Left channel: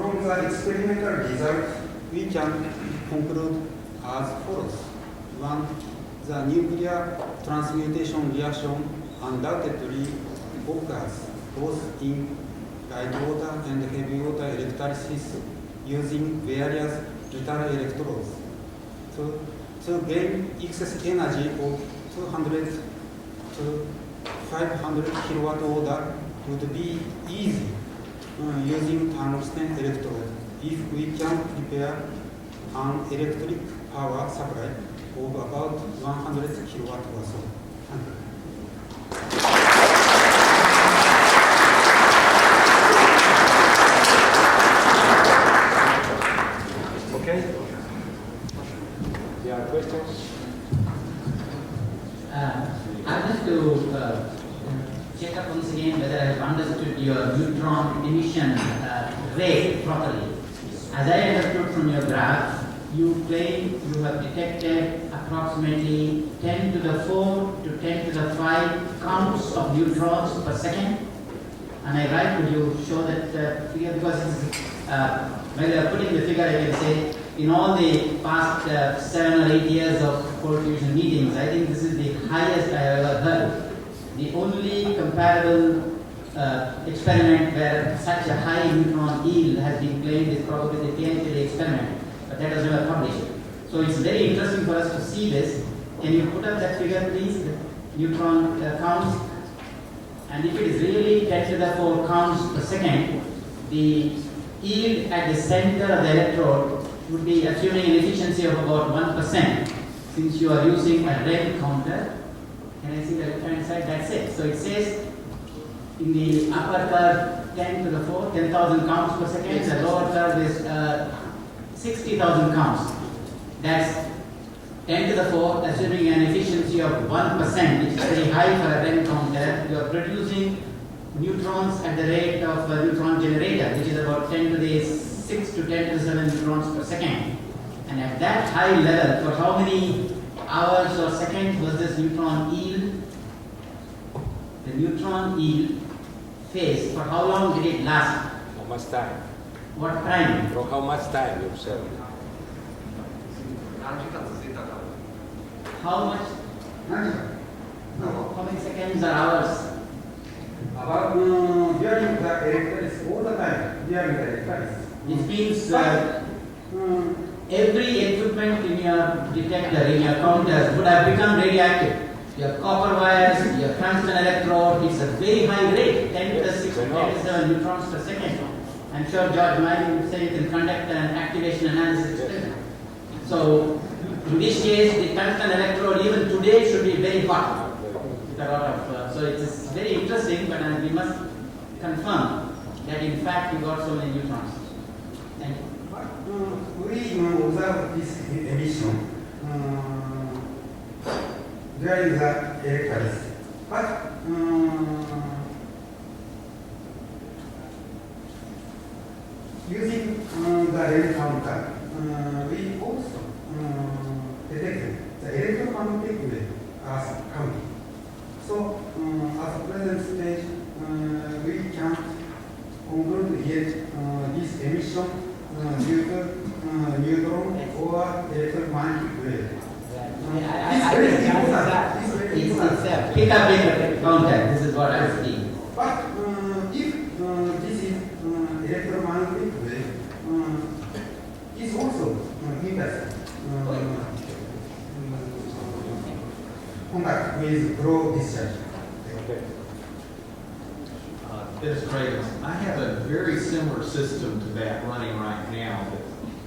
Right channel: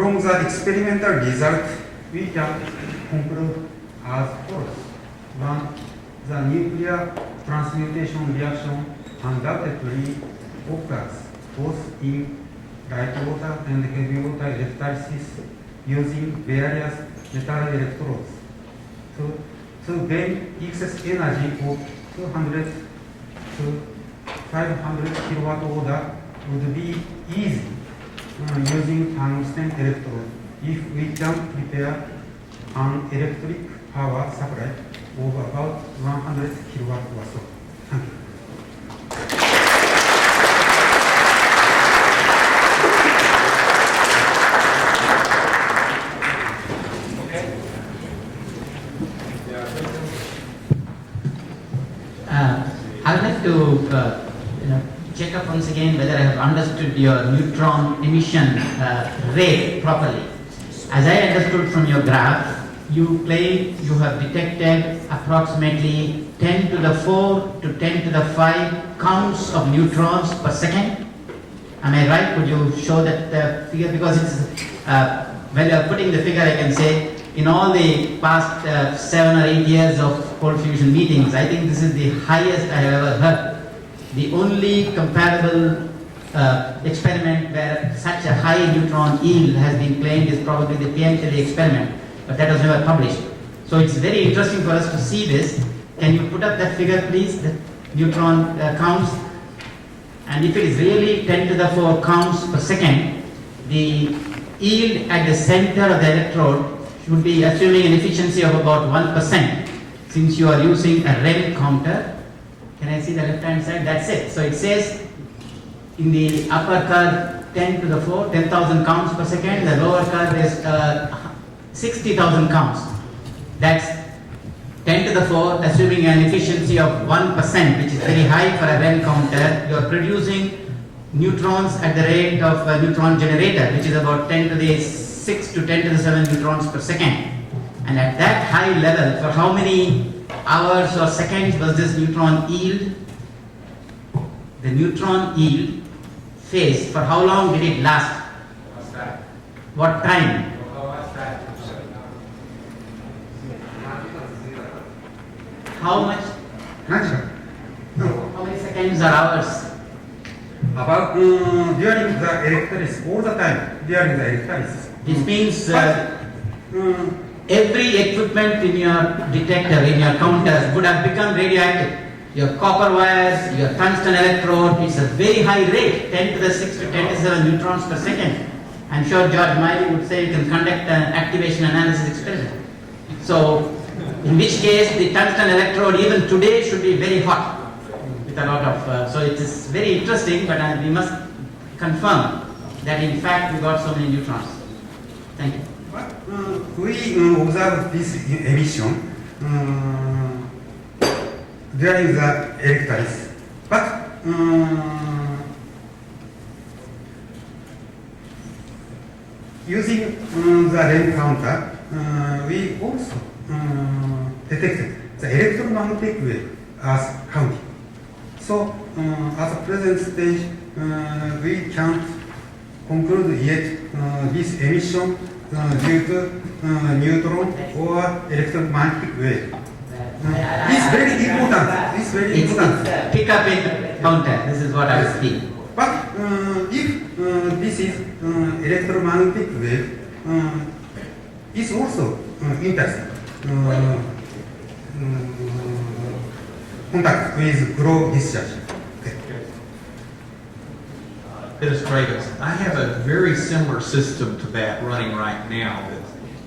From the experimental result, we can conclude as follows. One, the nuclear transmutation reaction undoubtedly occurs both in light water and heavy water electrolysis using various metal electrodes. To gain excess energy of 200 to 500 kilowatt order would be easy using tungsten electrode if we can prepare an electric power supply of about 100 kilowatt or so. Thank you. I'd like to check up once again whether I have understood your neutron emission rate properly. As I understood from your graph, you claim you have detected approximately 10 to the 4 to 10 to the 5 counts of neutrons per second. Am I right? Could you show that figure? Because it's, when you are putting the figure, I can say in all the past 7 or 8 years of cold fusion meetings, I think this is the highest I have ever heard. The only comparable experiment where such a high neutron yield has been claimed is probably the PMTD experiment, but that was never published. So it's very interesting for us to see this. Can you put up that figure, please, the neutron counts? And if it is really 10 to the 4 counts per second, the yield at the center of the electrode should be assuming an efficiency of about 1%, since you are using a REM counter. Can I see the left hand side? That's it. So it says in the upper curve 10 to the 4, 10,000 counts per second. The lower curve is 60,000 counts. That's 10 to the 4, assuming an efficiency of 1%, which is very high for a REM counter. You are producing neutrons at the rate of a neutron generator, which is about 10 to the 6 to 10 to the 7 neutrons per second. And at that high level, for how many hours or seconds was this neutron yield? The neutron yield phase, for how long did it last? How much time? What time? For how much time, sir? How much? No. How many seconds or hours? About during the electrolysis, all the time during the electrolysis. This means every equipment in your detector, in your counters, would have become radioactive. Your copper wires, your tungsten electrode, it's a very high rate, 10 to the 6 to 10 to the 7 neutrons per second. I'm sure George Miley would say you can conduct an activation analysis experiment. So, in which case the tungsten electrode even today should be very hot with a lot of, so it is very interesting, but we must confirm that in fact we got so many neutrons. Thank you. We observe this emission during the electrolysis, but using the REM counter, we also detected the electromagnetic wave as counting. So, at the present stage, we can't conclude yet this emission due to neutron or electromagnetic wave. It's very important. It's very important. It's pick up in counter. This is what I speak. But if this is electromagnetic wave, it's also interesting. Contact with glow discharge. Administrators, I have a very similar system to that running right now.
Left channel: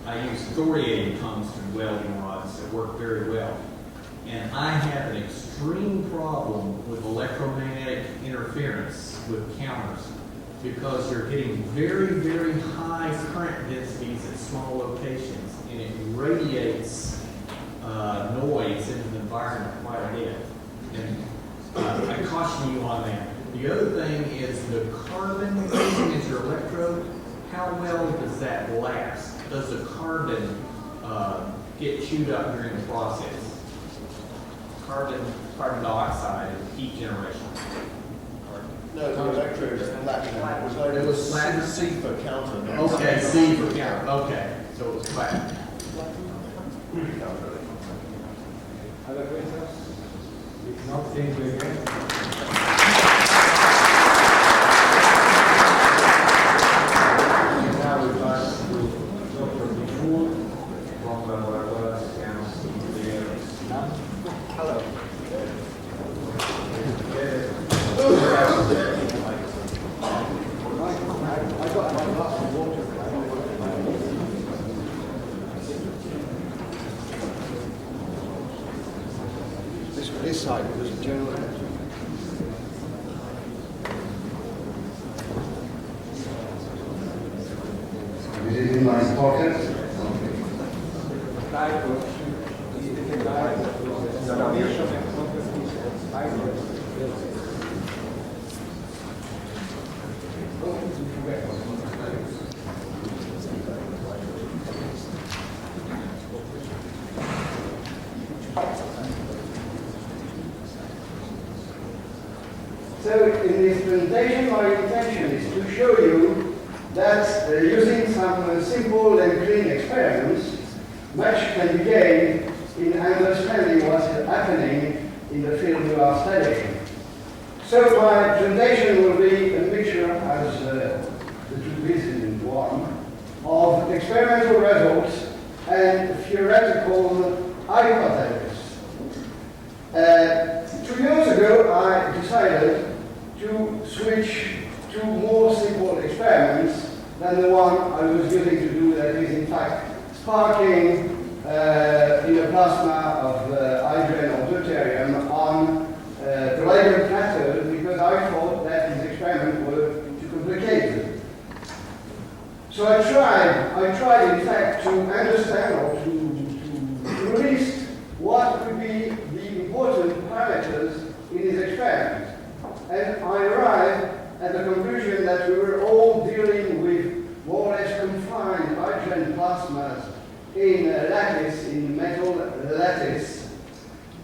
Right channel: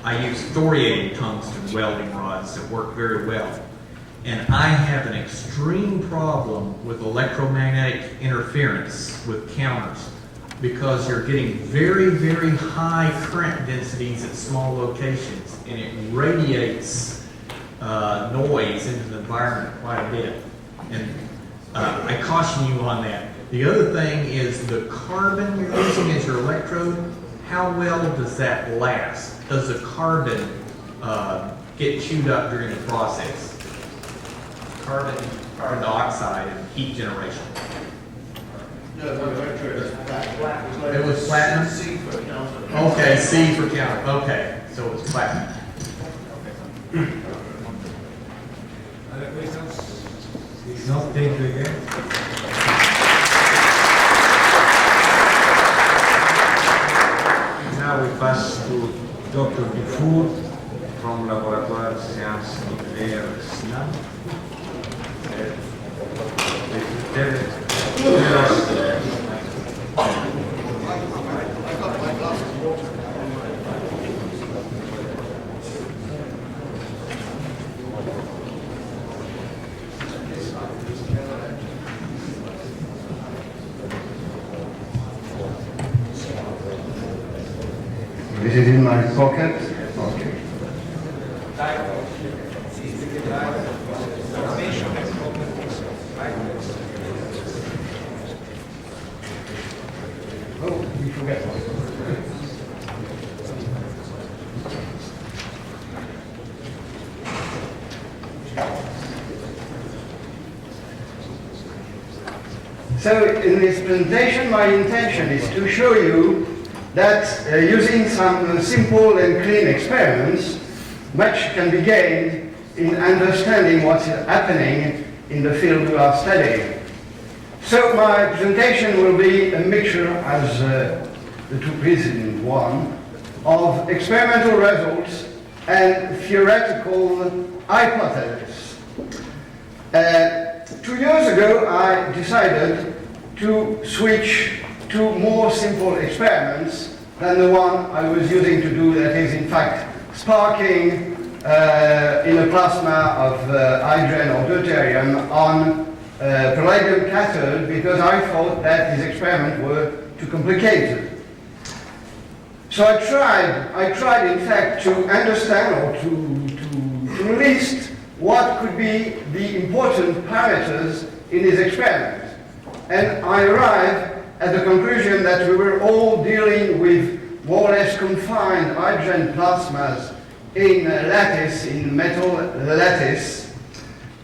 I use thoriated tungsten welding rods that work very well. And I have an extreme problem with electromagnetic interference with counters because you're getting very, very high current densities at small locations, and it radiates noise into the environment quite a bit. And I caution you on that. The other thing is the carbon you're using as your electrode, how well does that last? Does the carbon get chewed up during the process? Carbon dioxide and heat generation. No, my lecture is flat. It was platinum? C for counter. Okay, C for counter, okay, so it's platinum. Other questions? If not, thank you again. Now we pass to Dr. Dufour from Laboratoire Sciences Nucléaires. Hello. This side. Is it in my pocket? Okay. So in this presentation, my intention is to show you that using some simple and clean experiments, much can be gained in understanding what's happening in the field we are studying. So my presentation will be a mixture, as the two preceding one, of experimental results and theoretical hypotheses. 2 years ago, I decided to switch to more simple experiments than the one I was using to do, that is in fact sparking in a plasma of hydrogen or deuterium on palladium cathode, because I thought that these experiments were too complicated. So I tried in fact to understand or to list what could be the important parameters in these experiments. And I arrived at the conclusion that we were all dealing with more or less confined hydrogen plasmas in lattice, in metal lattice,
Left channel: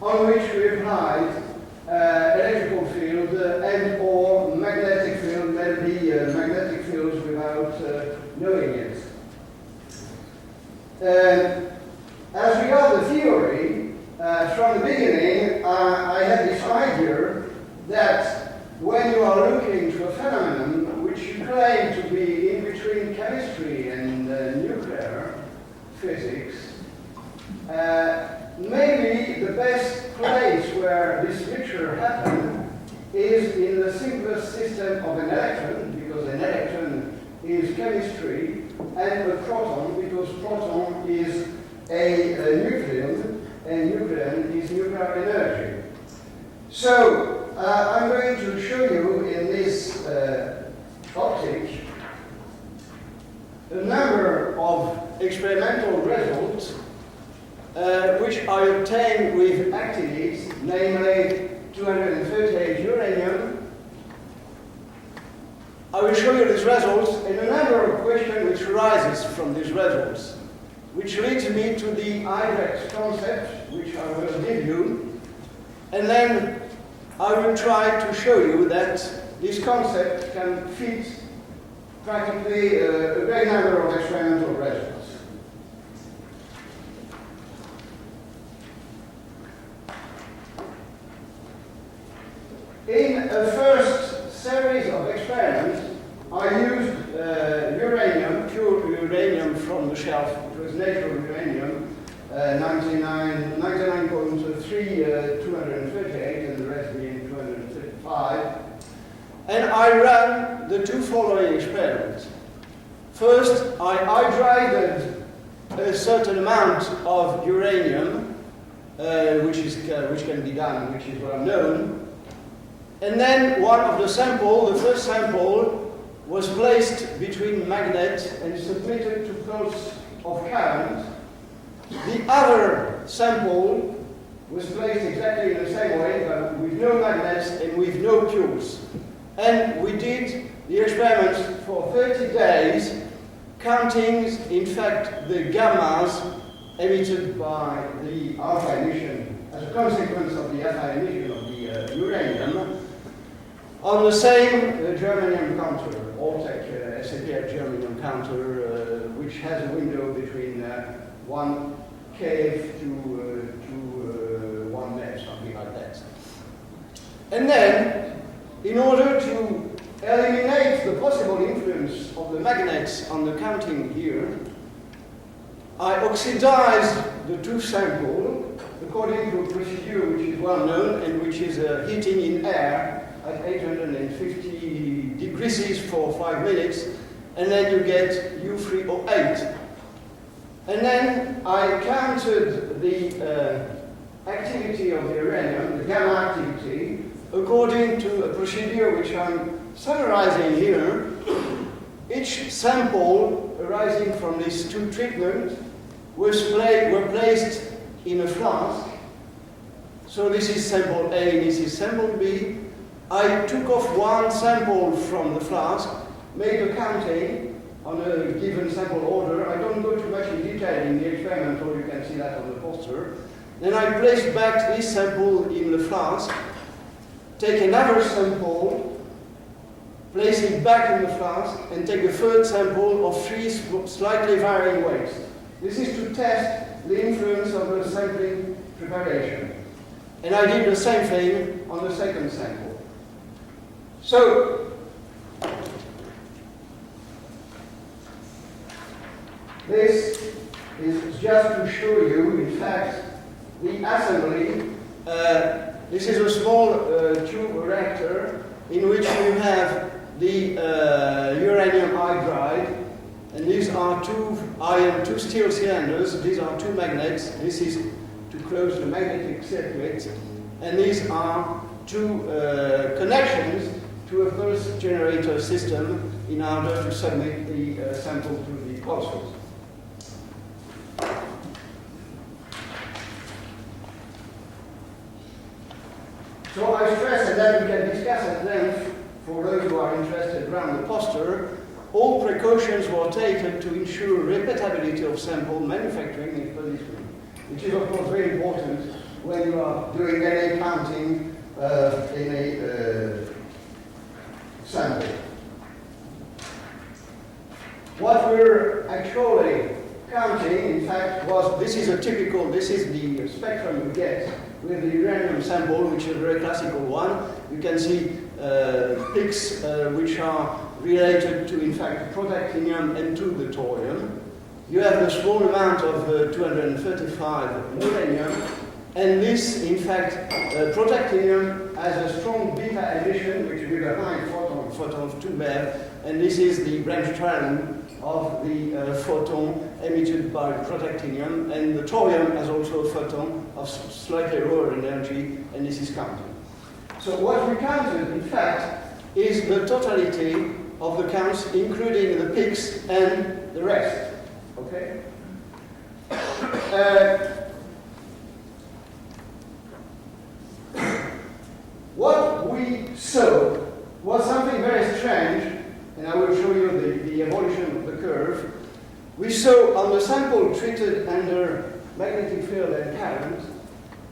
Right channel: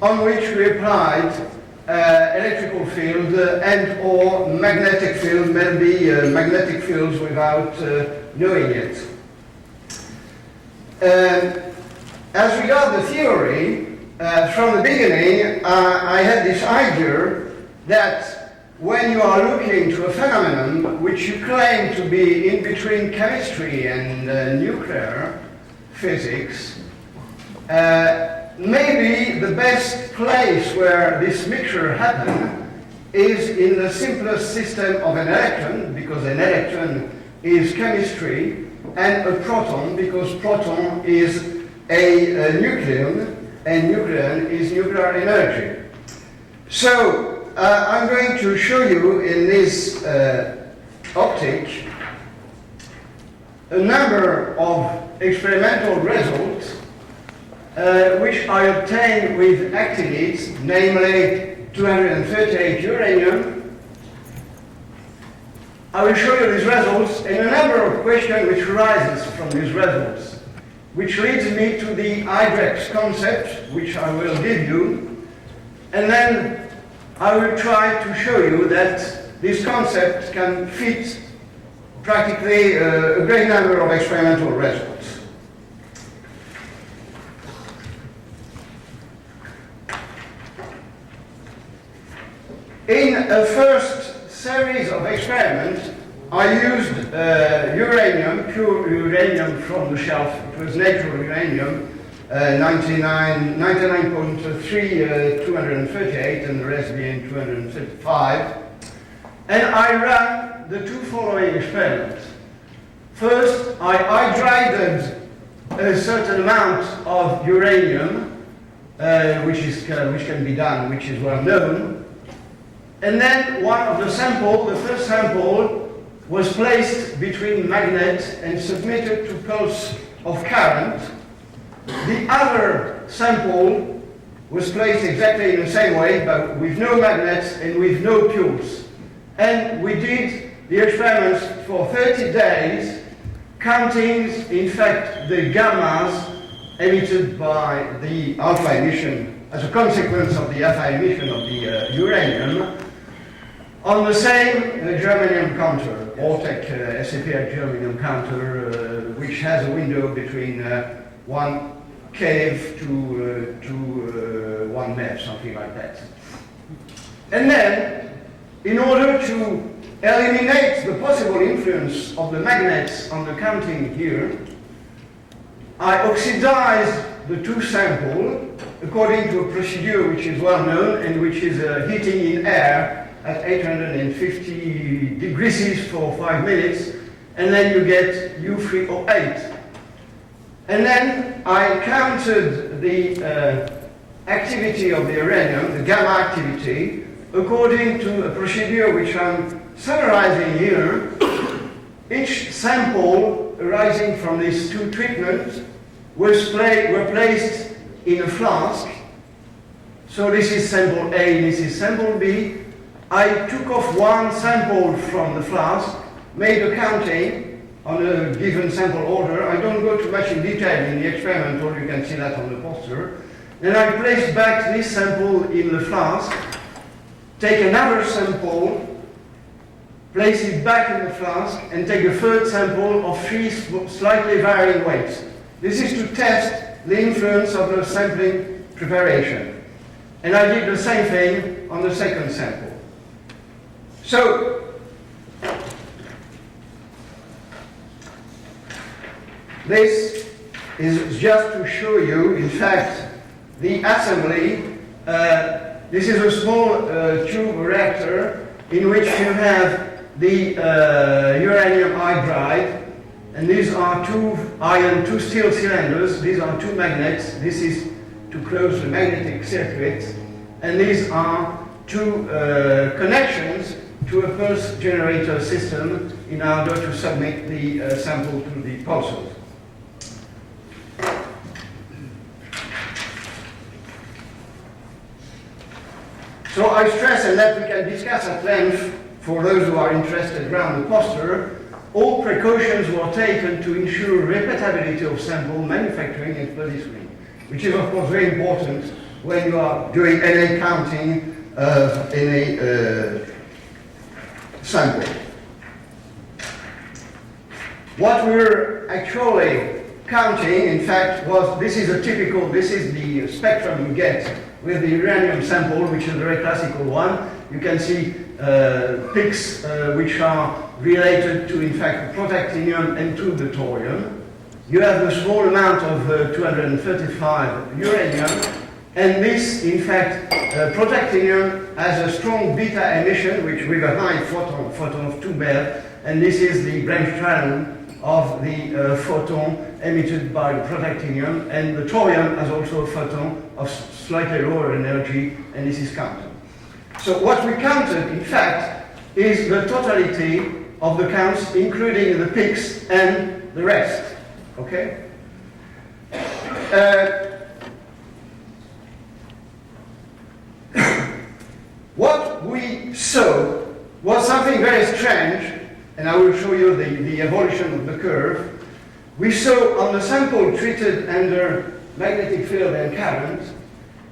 on which we applied electrical field and or magnetic field, maybe magnetic fields without knowing it. As regards the theory, from the beginning, I had this idea that when you are looking to a phenomenon which you claim to be in between chemistry and nuclear physics, maybe the best place where this mixture happens is in the simplest system of an electron, because an electron is chemistry, and a proton, because proton is a nucleon, and nucleon is nuclear energy. So I'm going to show you in this optic a number of experimental results which I obtained with actinides, namely 238 uranium. I will show you these results and a number of questions which arises from these results, which leads me to the Hydrex concept, which I will give you, and then I will try to show you that this concept can fit practically a great number of experimental results. In a first series of experiments, I used uranium, pure uranium from the shelf. It was natural uranium, 99.3, 238, and the rest being 235. And I ran the two following experiments. First, I hydrated a certain amount of uranium, which can be done, which is well known. And then one of the samples, the first sample, was placed between magnet and submitted to pulse of current. The other sample was placed exactly in the same way, but with no magnets and with no pulse. And we did the experiments for 30 days, counting, in fact, the gammas emitted by the alpha emission as a consequence of the alpha emission of the uranium. on the same germanium counter, Ortec SAPR germanium counter, which has a window between 1 keV to 1 MeV, something like that. And then, in order to eliminate the possible influence of the magnets on the counting here, I oxidized the two samples according to a procedure which is well known and which is heating in air at 850 degrees for 5 minutes, and then you get U3O8. And then I counted the activity of the uranium, the gamma activity, according to a procedure which I'm summarizing here. Each sample arising from these two treatments were placed in a flask. So this is sample A, this is sample B. I took off one sample from the flask, made a counting on a given sample order. I don't go too much in detail in the experiment, or you can see that on the poster. Then I place back this sample in the flask, take another sample, place it back in the flask, and take a third sample of 3 slightly varying weights. This is to test the influence of the sampling preparation. And I did the same thing on the second sample. So, this is just to show you, in fact, the assembly. This is a small tube reactor in which you have the uranium hydride, and these are 2 iron, 2 steel cylinders. These are 2 magnets. This is to close the magnetic circuit, and these are 2 connections to a pulse generator system in order to submit the sample to the pulsars. So I stress, and that we can discuss at length for those who are interested around the poster, all precautions were taken to ensure repeatability of sample manufacturing and producing, which is of course very important when you are doing NA counting in a sample. What we're actually counting, in fact, this is the spectrum you get with the uranium sample, which is a very classical one. You can see peaks which are related to, in fact, protactinium and to the thorium. You have a small amount of 235 uranium, and this, in fact, protactinium has a strong beta emission, which with a high photon of 2 MeV, and this is the Grimshaw of the photon emitted by the protactinium, and the thorium has also a photon of slightly lower energy, and this is counted. So what we counted, in fact, is the totality of the counts, including the peaks and the rest. Okay? What we saw was something very strange, and I will show you the evolution of the curve. We saw on the sample treated under magnetic field and current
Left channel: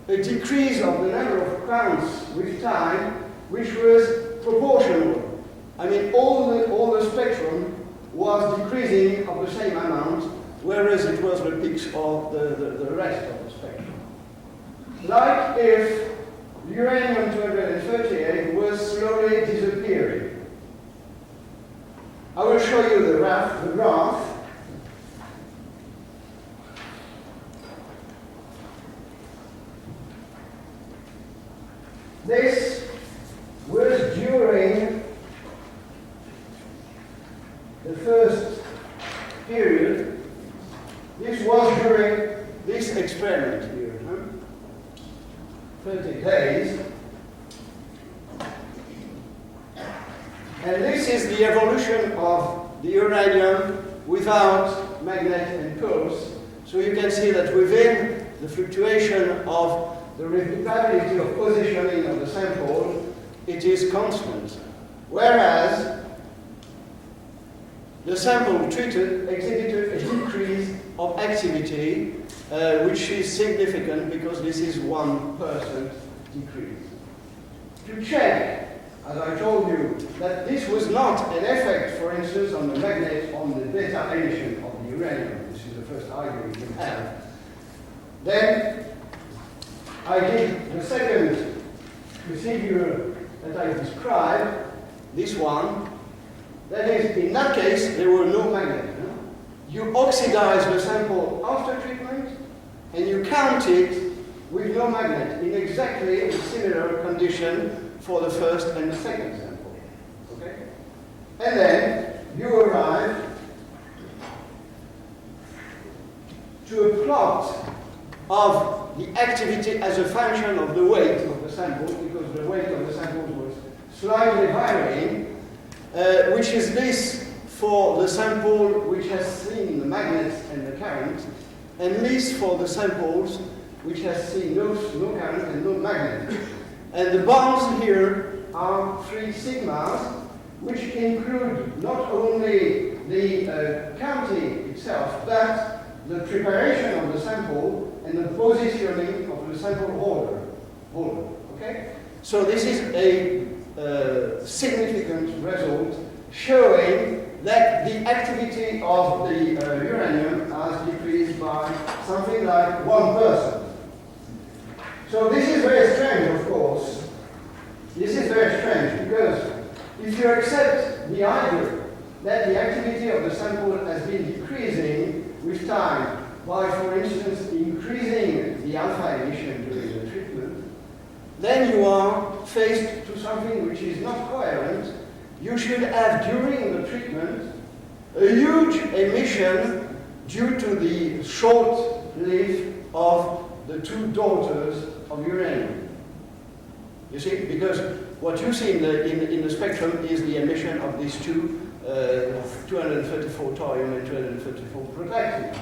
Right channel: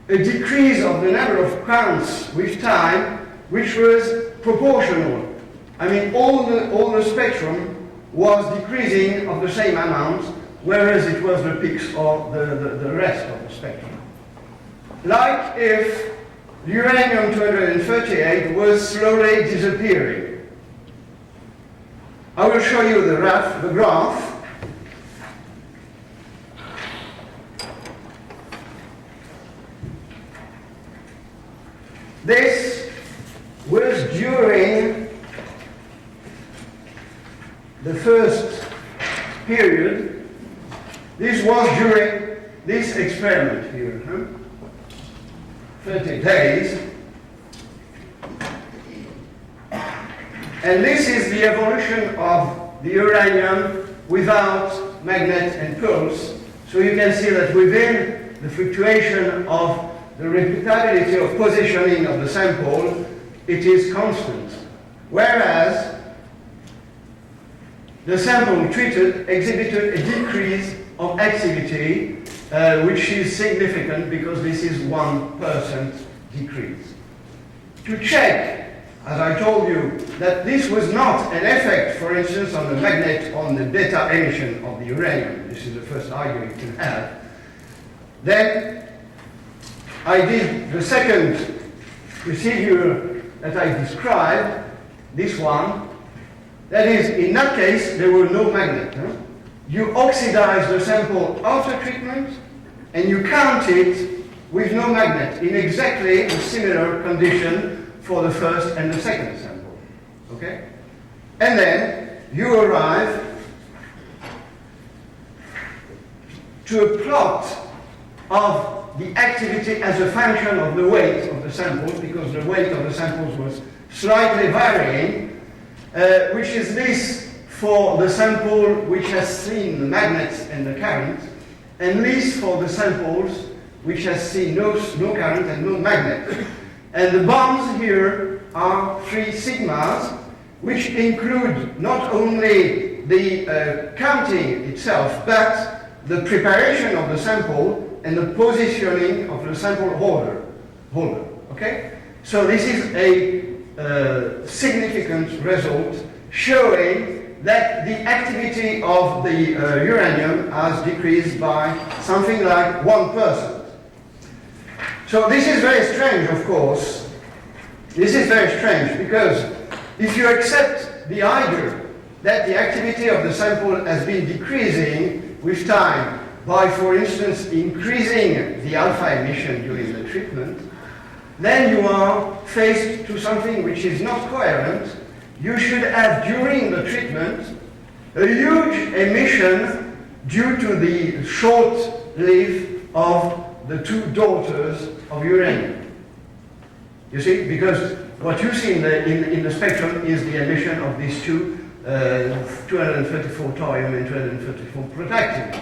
a decrease of the number of counts with time, which was proportional. I mean, all the spectrum was decreasing of the same amount, whereas it was the peaks or the rest of the spectrum. Like if uranium-238 was slowly disappearing. I will show you the graph. This was during the first period. This was during this experiment here, 30 days. And this is the evolution of the uranium without magnet and pulse. So you can see that within the fluctuation of the repeatability of positioning of the sample, it is constant. Whereas the sample treated exhibited a decrease of activity, which is significant because this is 1% decrease. To check as I told you, that this was not an effect, for instance, on the magnet, on the beta emission of the uranium. This is the first argument you can have. Then I did the second procedure that I described, this one. That is, in that case, there were no magnet. Huh? You oxidize the sample after treatment, and you count it with no magnet in exactly a similar condition for the first and the second sample. Okay? And then you arrive to a plot of the activity as a function of the weight of the samples, because the weight of the samples was slightly varying, which is this for the sample which has seen the magnets and the current, and this for the samples which has seen no current and no magnet. And the bonds here are 3 sigmas, which include not only the counting itself, but the preparation of the sample and the positioning of the sample holder. Okay? So this is a significant result showing that the activity of the uranium has decreased by something like 1%. So this is very strange, of course. This is very strange because if you accept the idea that the activity of the sample has been decreasing with time by, for instance, increasing the alpha emission during the treatment, then you are faced to something which is not coherent. You should have, during the treatment, a huge emission due to the short life of the 2 daughters of uranium. You see, because what you see in the spectrum is the emission of these 234 thorium and 234 protactinium.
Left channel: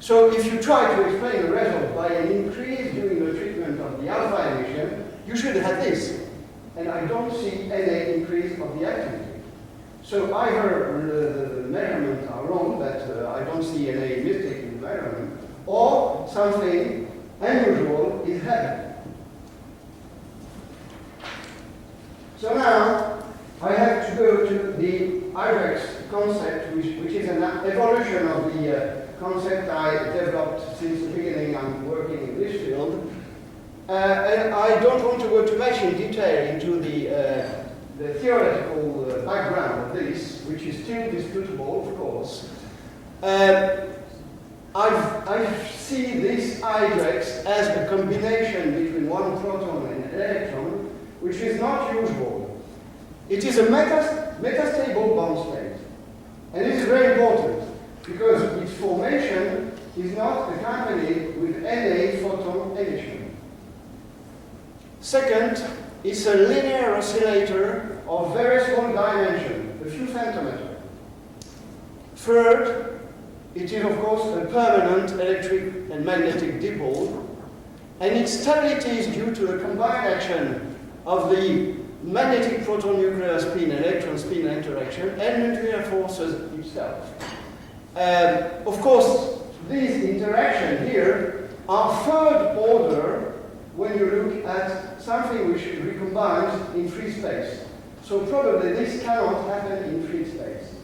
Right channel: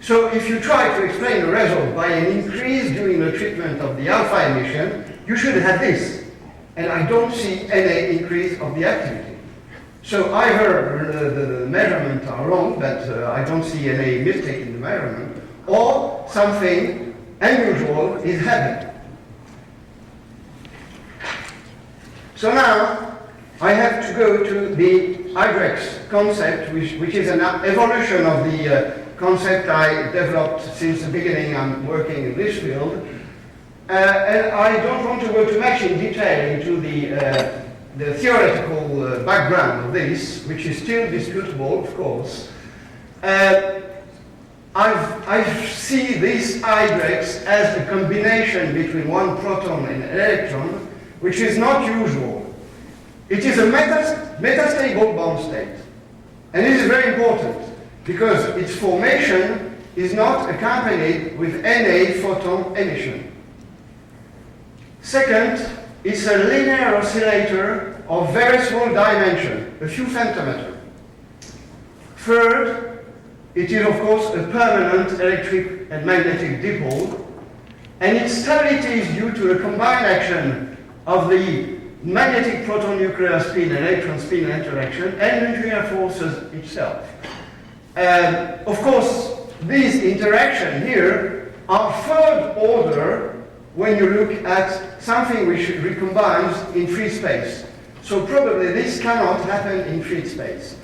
So if you try to explain the result by an increase during the treatment of the alpha emission, you should have this. And I don't see any increase of the activity. So either the measurements are wrong, but I don't see any mistake in the measurement, or something unusual is happening. So now I have to go to the Hydrex concept, which is an evolution of the concept I developed since the beginning. I'm working in this field. And I don't want to go too much in detail into the theoretical background of this, which is still disputable, of course. I see this Hydrex as a combination between one proton and an electron, which is not usual. It is a metastable bond state. And it is very important because its formation is not accompanied with any photon emission. Second, it's a linear oscillator of very small dimension, a few femtometer. Third, it is of course a permanent electric and magnetic dipole, and its stability is due to the combined action of the magnetic proton nuclear spin electron spin interaction and nuclear forces itself. Of course, these interactions here are third order when you look at something which recombines in free space. So probably this cannot happen in free space.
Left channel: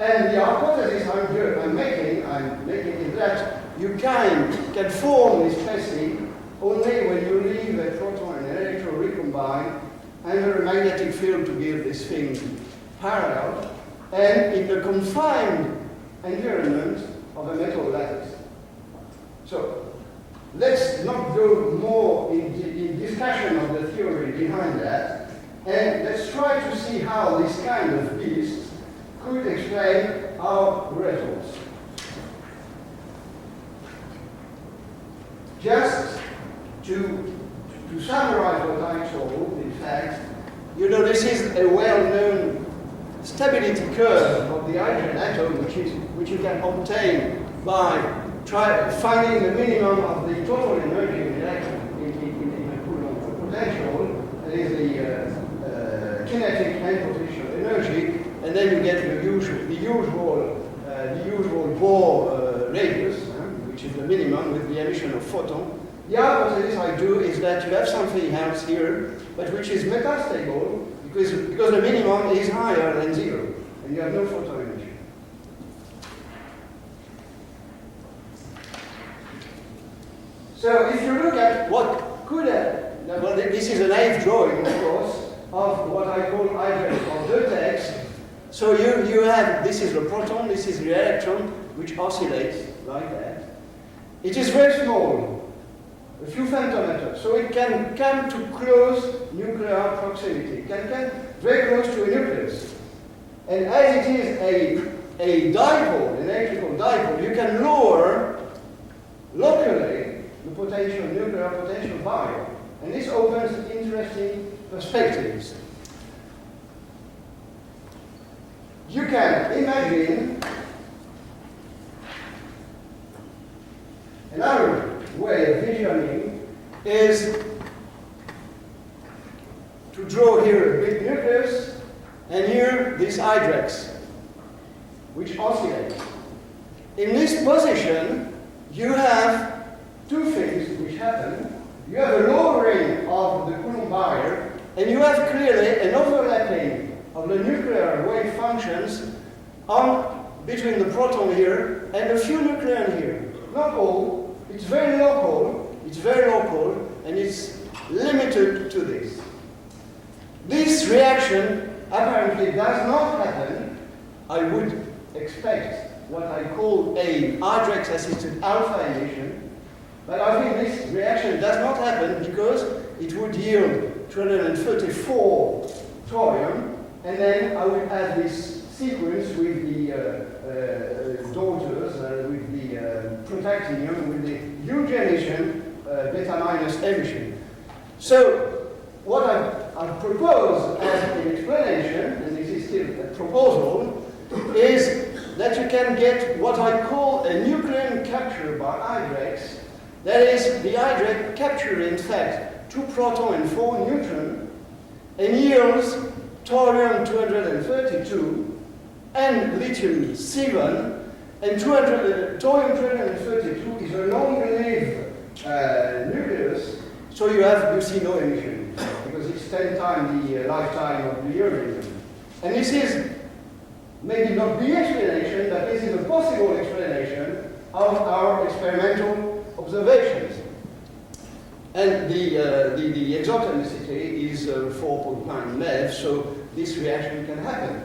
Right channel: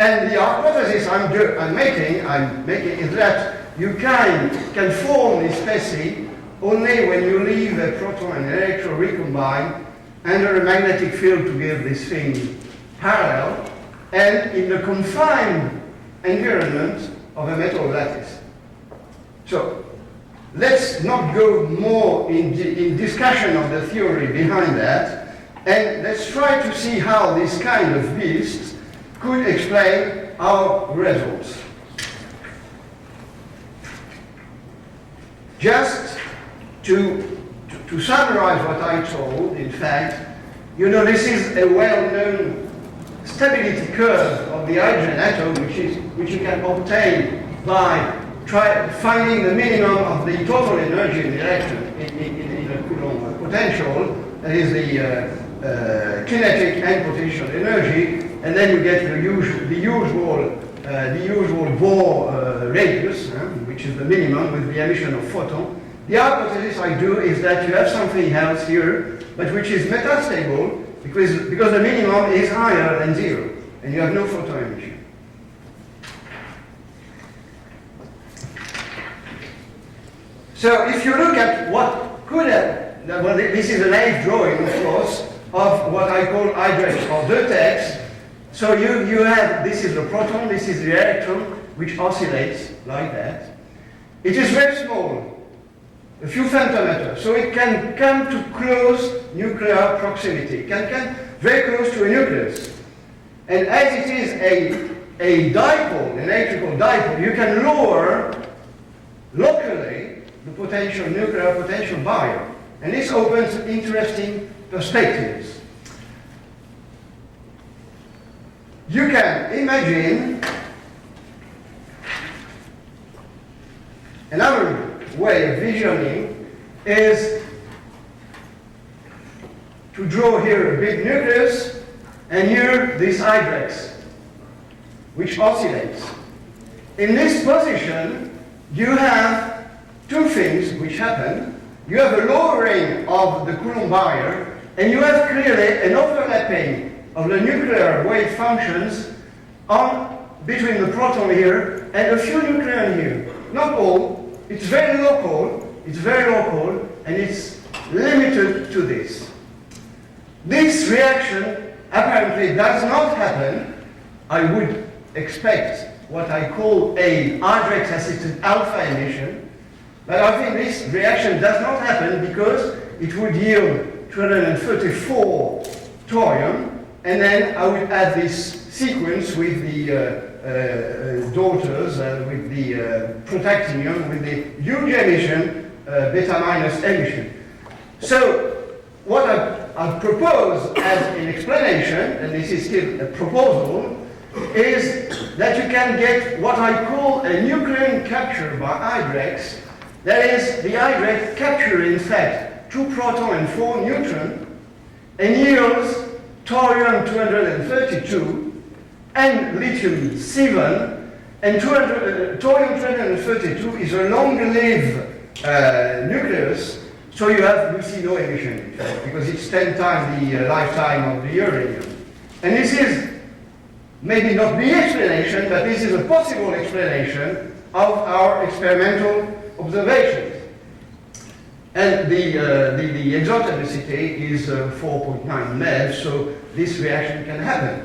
And the hypothesis I'm making is that you can form this specie only when you leave a proton and electron recombine under a magnetic field to give this thing parallel, and in the confined environment of a metal lattice. So let's not go more in discussion of the theory behind that, and let's try to see how this kind of beast could explain our results. Just to summarize what I told, in fact, you know, this is a well-known stability curve of the hydrogen atom, which you can obtain by finding the minimum of the total energy in the electron in a Coulomb potential, that is the kinetic and potential energy, and then you get the usual Bohr radius, which is the minimum with the emission of photon. The hypothesis I do is that you have something else here, but which is metastable, because the minimum is higher than 0, and you have no photon emission. So if you look at what could have, well, this is a naive drawing, of course, of what I call hydrates or vertex. So you have, this is the proton, this is the electron, which oscillates like that. It is very small, a few femtometers, so it can come to close nuclear proximity. It can come very close to a nucleus. And as it is a dipole, an electrical dipole, you can lower locally the potential, nuclear potential barrier. And this opens interesting perspectives. You can imagine another way of visioning is to draw here a big nucleus and here this hydrex, which oscillates. In this position, you have two things which happen. You have a lowering of the Coulomb barrier, and you have clearly an overlapping of the nuclear wave functions between the proton here and a few nucleon here. Not all. It's very local, and it's limited to this. This reaction apparently does not happen. I would expect what I call a hydrex-assisted alpha emission, but I think this reaction does not happen because it would yield 234 thorium, and then I would add this sequence with the daughters, with the protactinium, with the huge emission, beta minus emission. So what I propose as an explanation, and this is still a proposal, is that you can get what I call a nucleon capture by hydrex. That is, the hydrex capture in fact 2 proton and 4 neutron and yields thorium-232 and lithium-7, and thorium-232 is a long-lived nucleus, so you see no emission because it's 10 times the lifetime of the uranium. And this is maybe not the explanation, but this is a possible explanation of our experimental observations. And the exotonicity is 4.9 MeV, so this reaction can happen.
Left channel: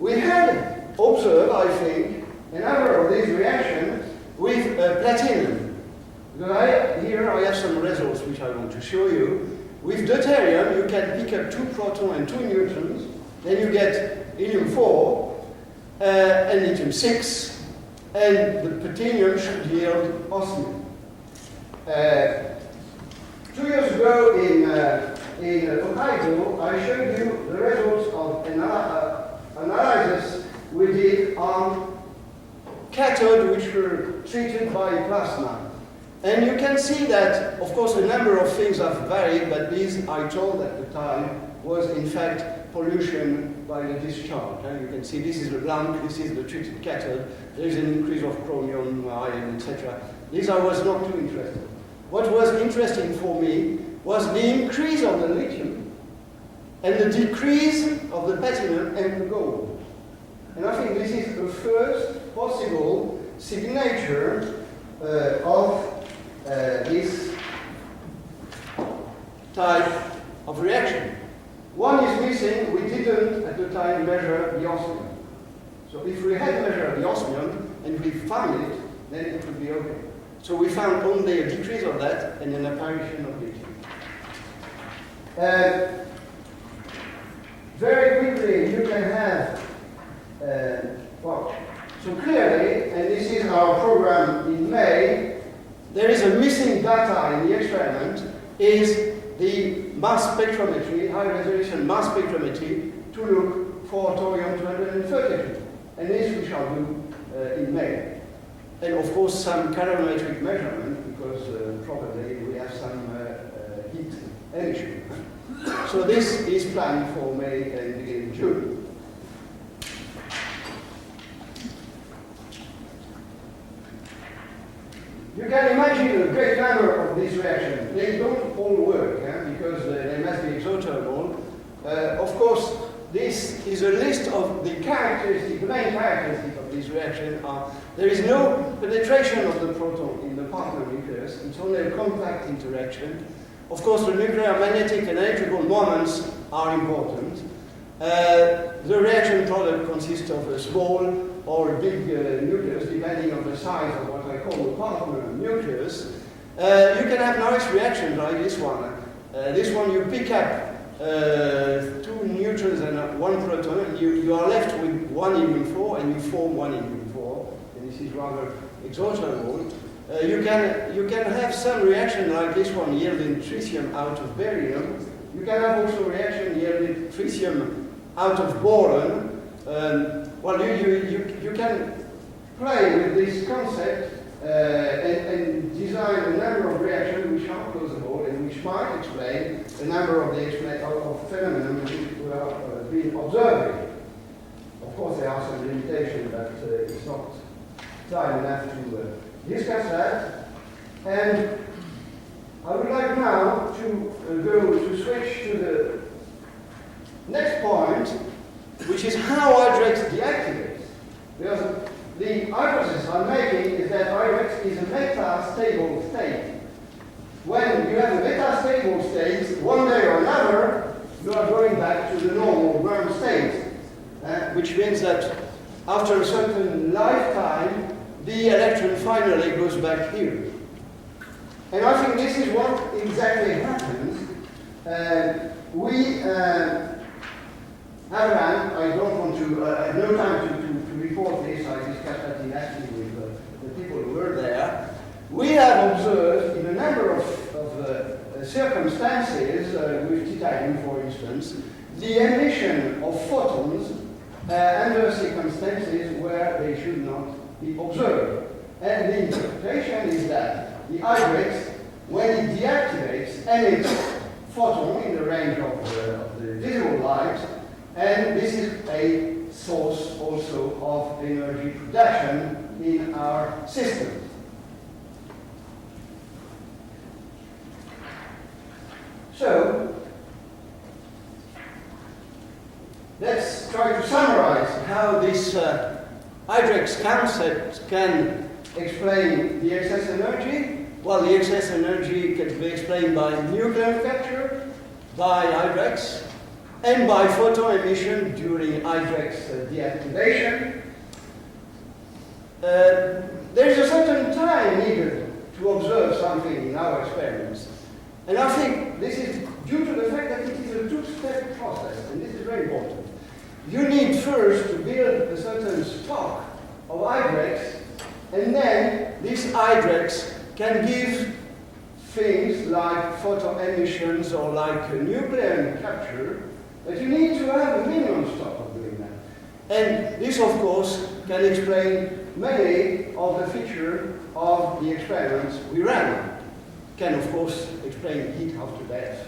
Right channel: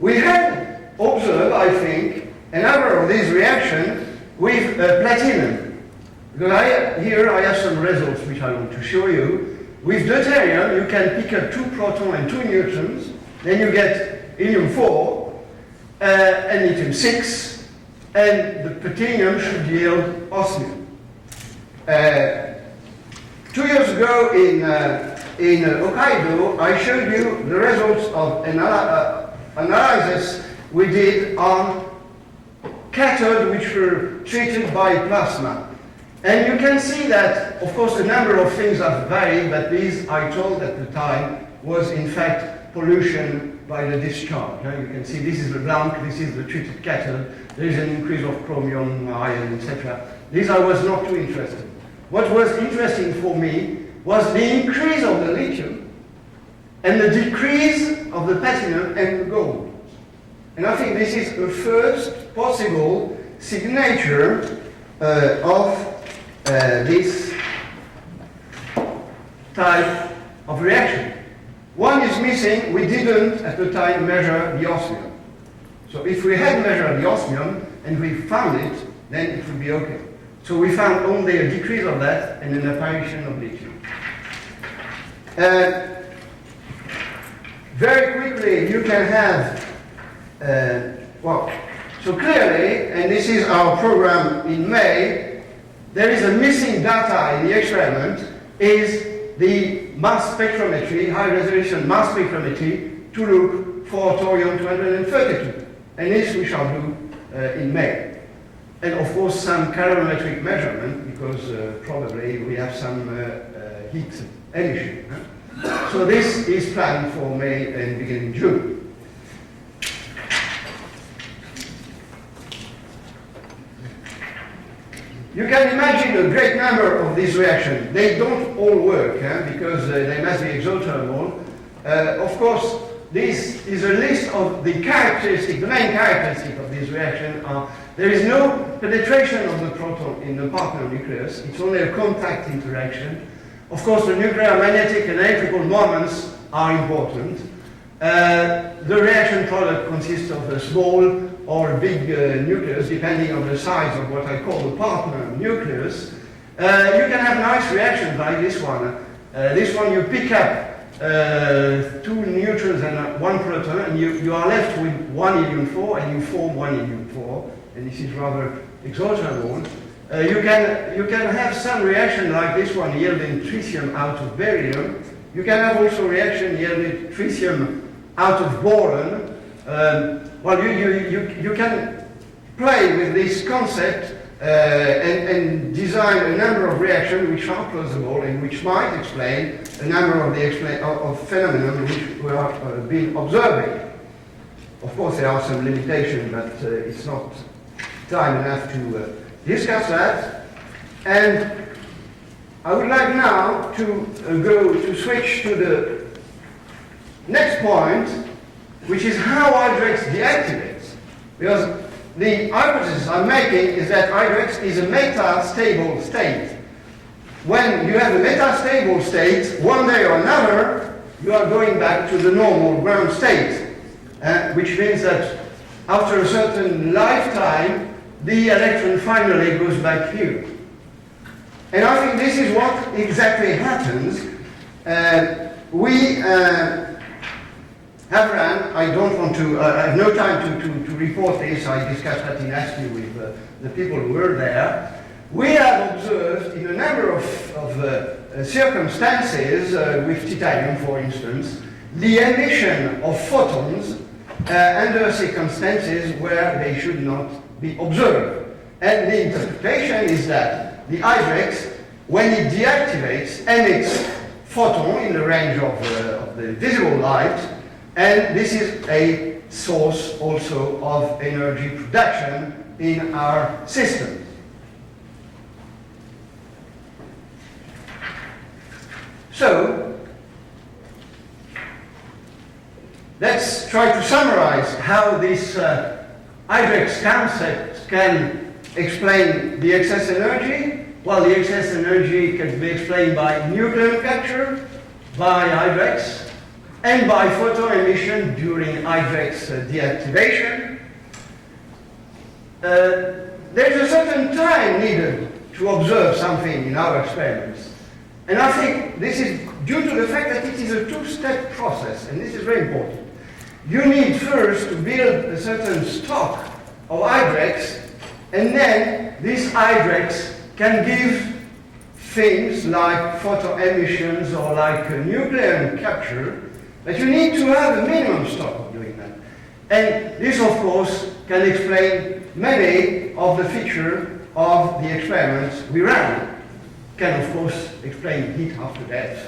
We had observed, I think, a number of these reactions with platinum. Because here I have some results which I want to show you. With deuterium, you can pick up 2 protons and 2 neutrons, then you get helium-4 and lithium-6, and the platinum should yield osmium. 2 years ago in Hokkaido, I showed you the results of analysis we did on cathode which were treated by plasma. And you can see that, of course, a number of things have varied, but these, I told at the time, was in fact pollution by the discharge. You can see this is the blank, this is the treated cathode, there is an increase of chromium, iron, etc. These I was not too interested. What was interesting for me was the increase of the lithium and the decrease of the platinum and the gold. And I think this is the first possible signature of this type of reaction. One is missing. We didn't at the time measure the osmium. So if we had measured the osmium and we found it, then it would be okay. So we found only a decrease of that and an apparition of lithium. Very quickly, you can have, so clearly, and this is our program in May, there is a missing data in the experiment, is the mass spectrometry, high resolution mass spectrometry, to look for thorium-232. And this we shall do in May. And of course some calorimetric measurement, because probably we have some heat emission. So this is planned for May and beginning June. You can imagine a great number of these reactions. They don't all work because they must be exothermal. Of course, this is a list of the characteristics, the main characteristics of this reaction are there is no penetration of the proton in the partner nucleus, it's only a contact interaction. Of course, the nuclear magnetic and electrical moments are important. The reaction product consists of a small or a big nucleus, depending on the size of what I call the partner nucleus. You can have nice reactions like this one. This one you pick up 2 neutrons and 1 proton, and you are left with 1 helium-4, and you form 1 helium-4, and this is rather exogenous. You can have some reaction like this one yielding tritium out of barium. You can have also reaction yielding tritium out of boron. Well, you can play with this concept and design a number of reactions which are plausible and which might explain a number of the phenomena which we have been observing. Of course, there are some limitations, but it's not time enough to discuss that. And I would like now to switch to the next point, which is how Hydrex deactivates. Because the hypothesis I'm making is that Hydrex is a metastable state. When you have a metastable state, one day or another, you are going back to the normal ground state, which means that after a certain lifetime, the electron finally goes back here. And I think this is what exactly happens. We have run, I don't want to, I have no time to report this, I discussed that in ASCII with the people who were there. We have observed in a number of circumstances, with titanium for instance, the emission of photons under circumstances where they should not be observed. And the interpretation is that the Hydrex, when it deactivates, emits photon in the range of the visible light, and this is a source also of energy production in our system. So, let's try to summarize how this Hydrex concept can explain the excess energy. Well, the excess energy can be explained by nuclear capture, by Hydrex, and by photon emission during Hydrex deactivation. There is a certain time needed to observe something in our experiments. And I think this is due to the fact that it is a two-step process, and this is very important. You need first to build a certain stock of Hydrex, and then this Hydrex can give things like photon emissions or like nuclear capture, but you need to have a minimum stock of doing that. And this, of course, can explain many of the features of the experiments we ran. Can, of course, explain heat after death.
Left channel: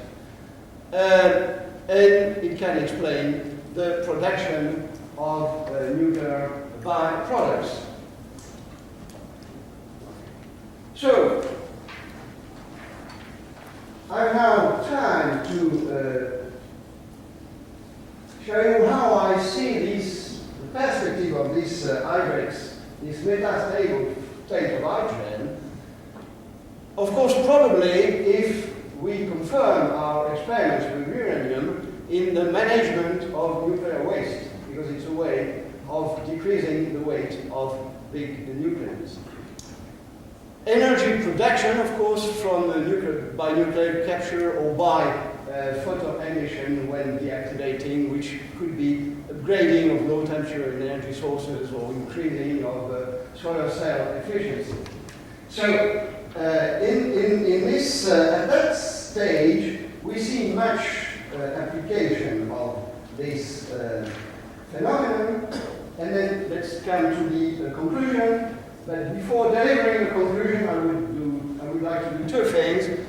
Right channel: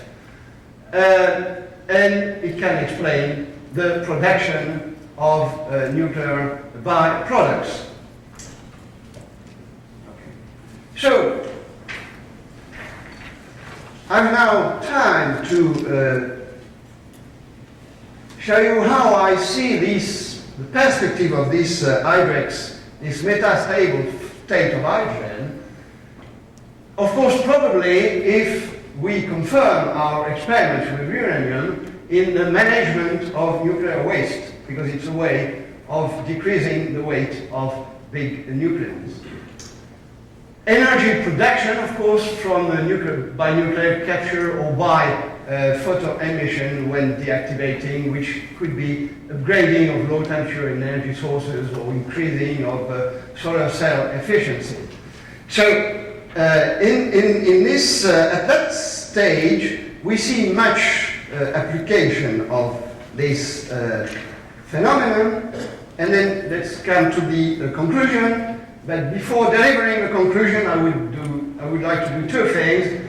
And it can explain the production of nuclear byproducts. So, I have now time to show you how I see the perspective of this Hydrex, this metastable state of hydrogen. Of course, probably if we confirm our experiments with uranium in the management of nuclear waste, because it's a way of decreasing the weight of big nucleons. Energy production, of course, from by nuclear capture or by photon emission when deactivating, which could be upgrading of low temperature energy sources or increasing of solar cell efficiency. So, in this, at that stage, we see much application of this phenomenon, and then let's come to the conclusion. But before delivering the conclusion, I would like to do two things.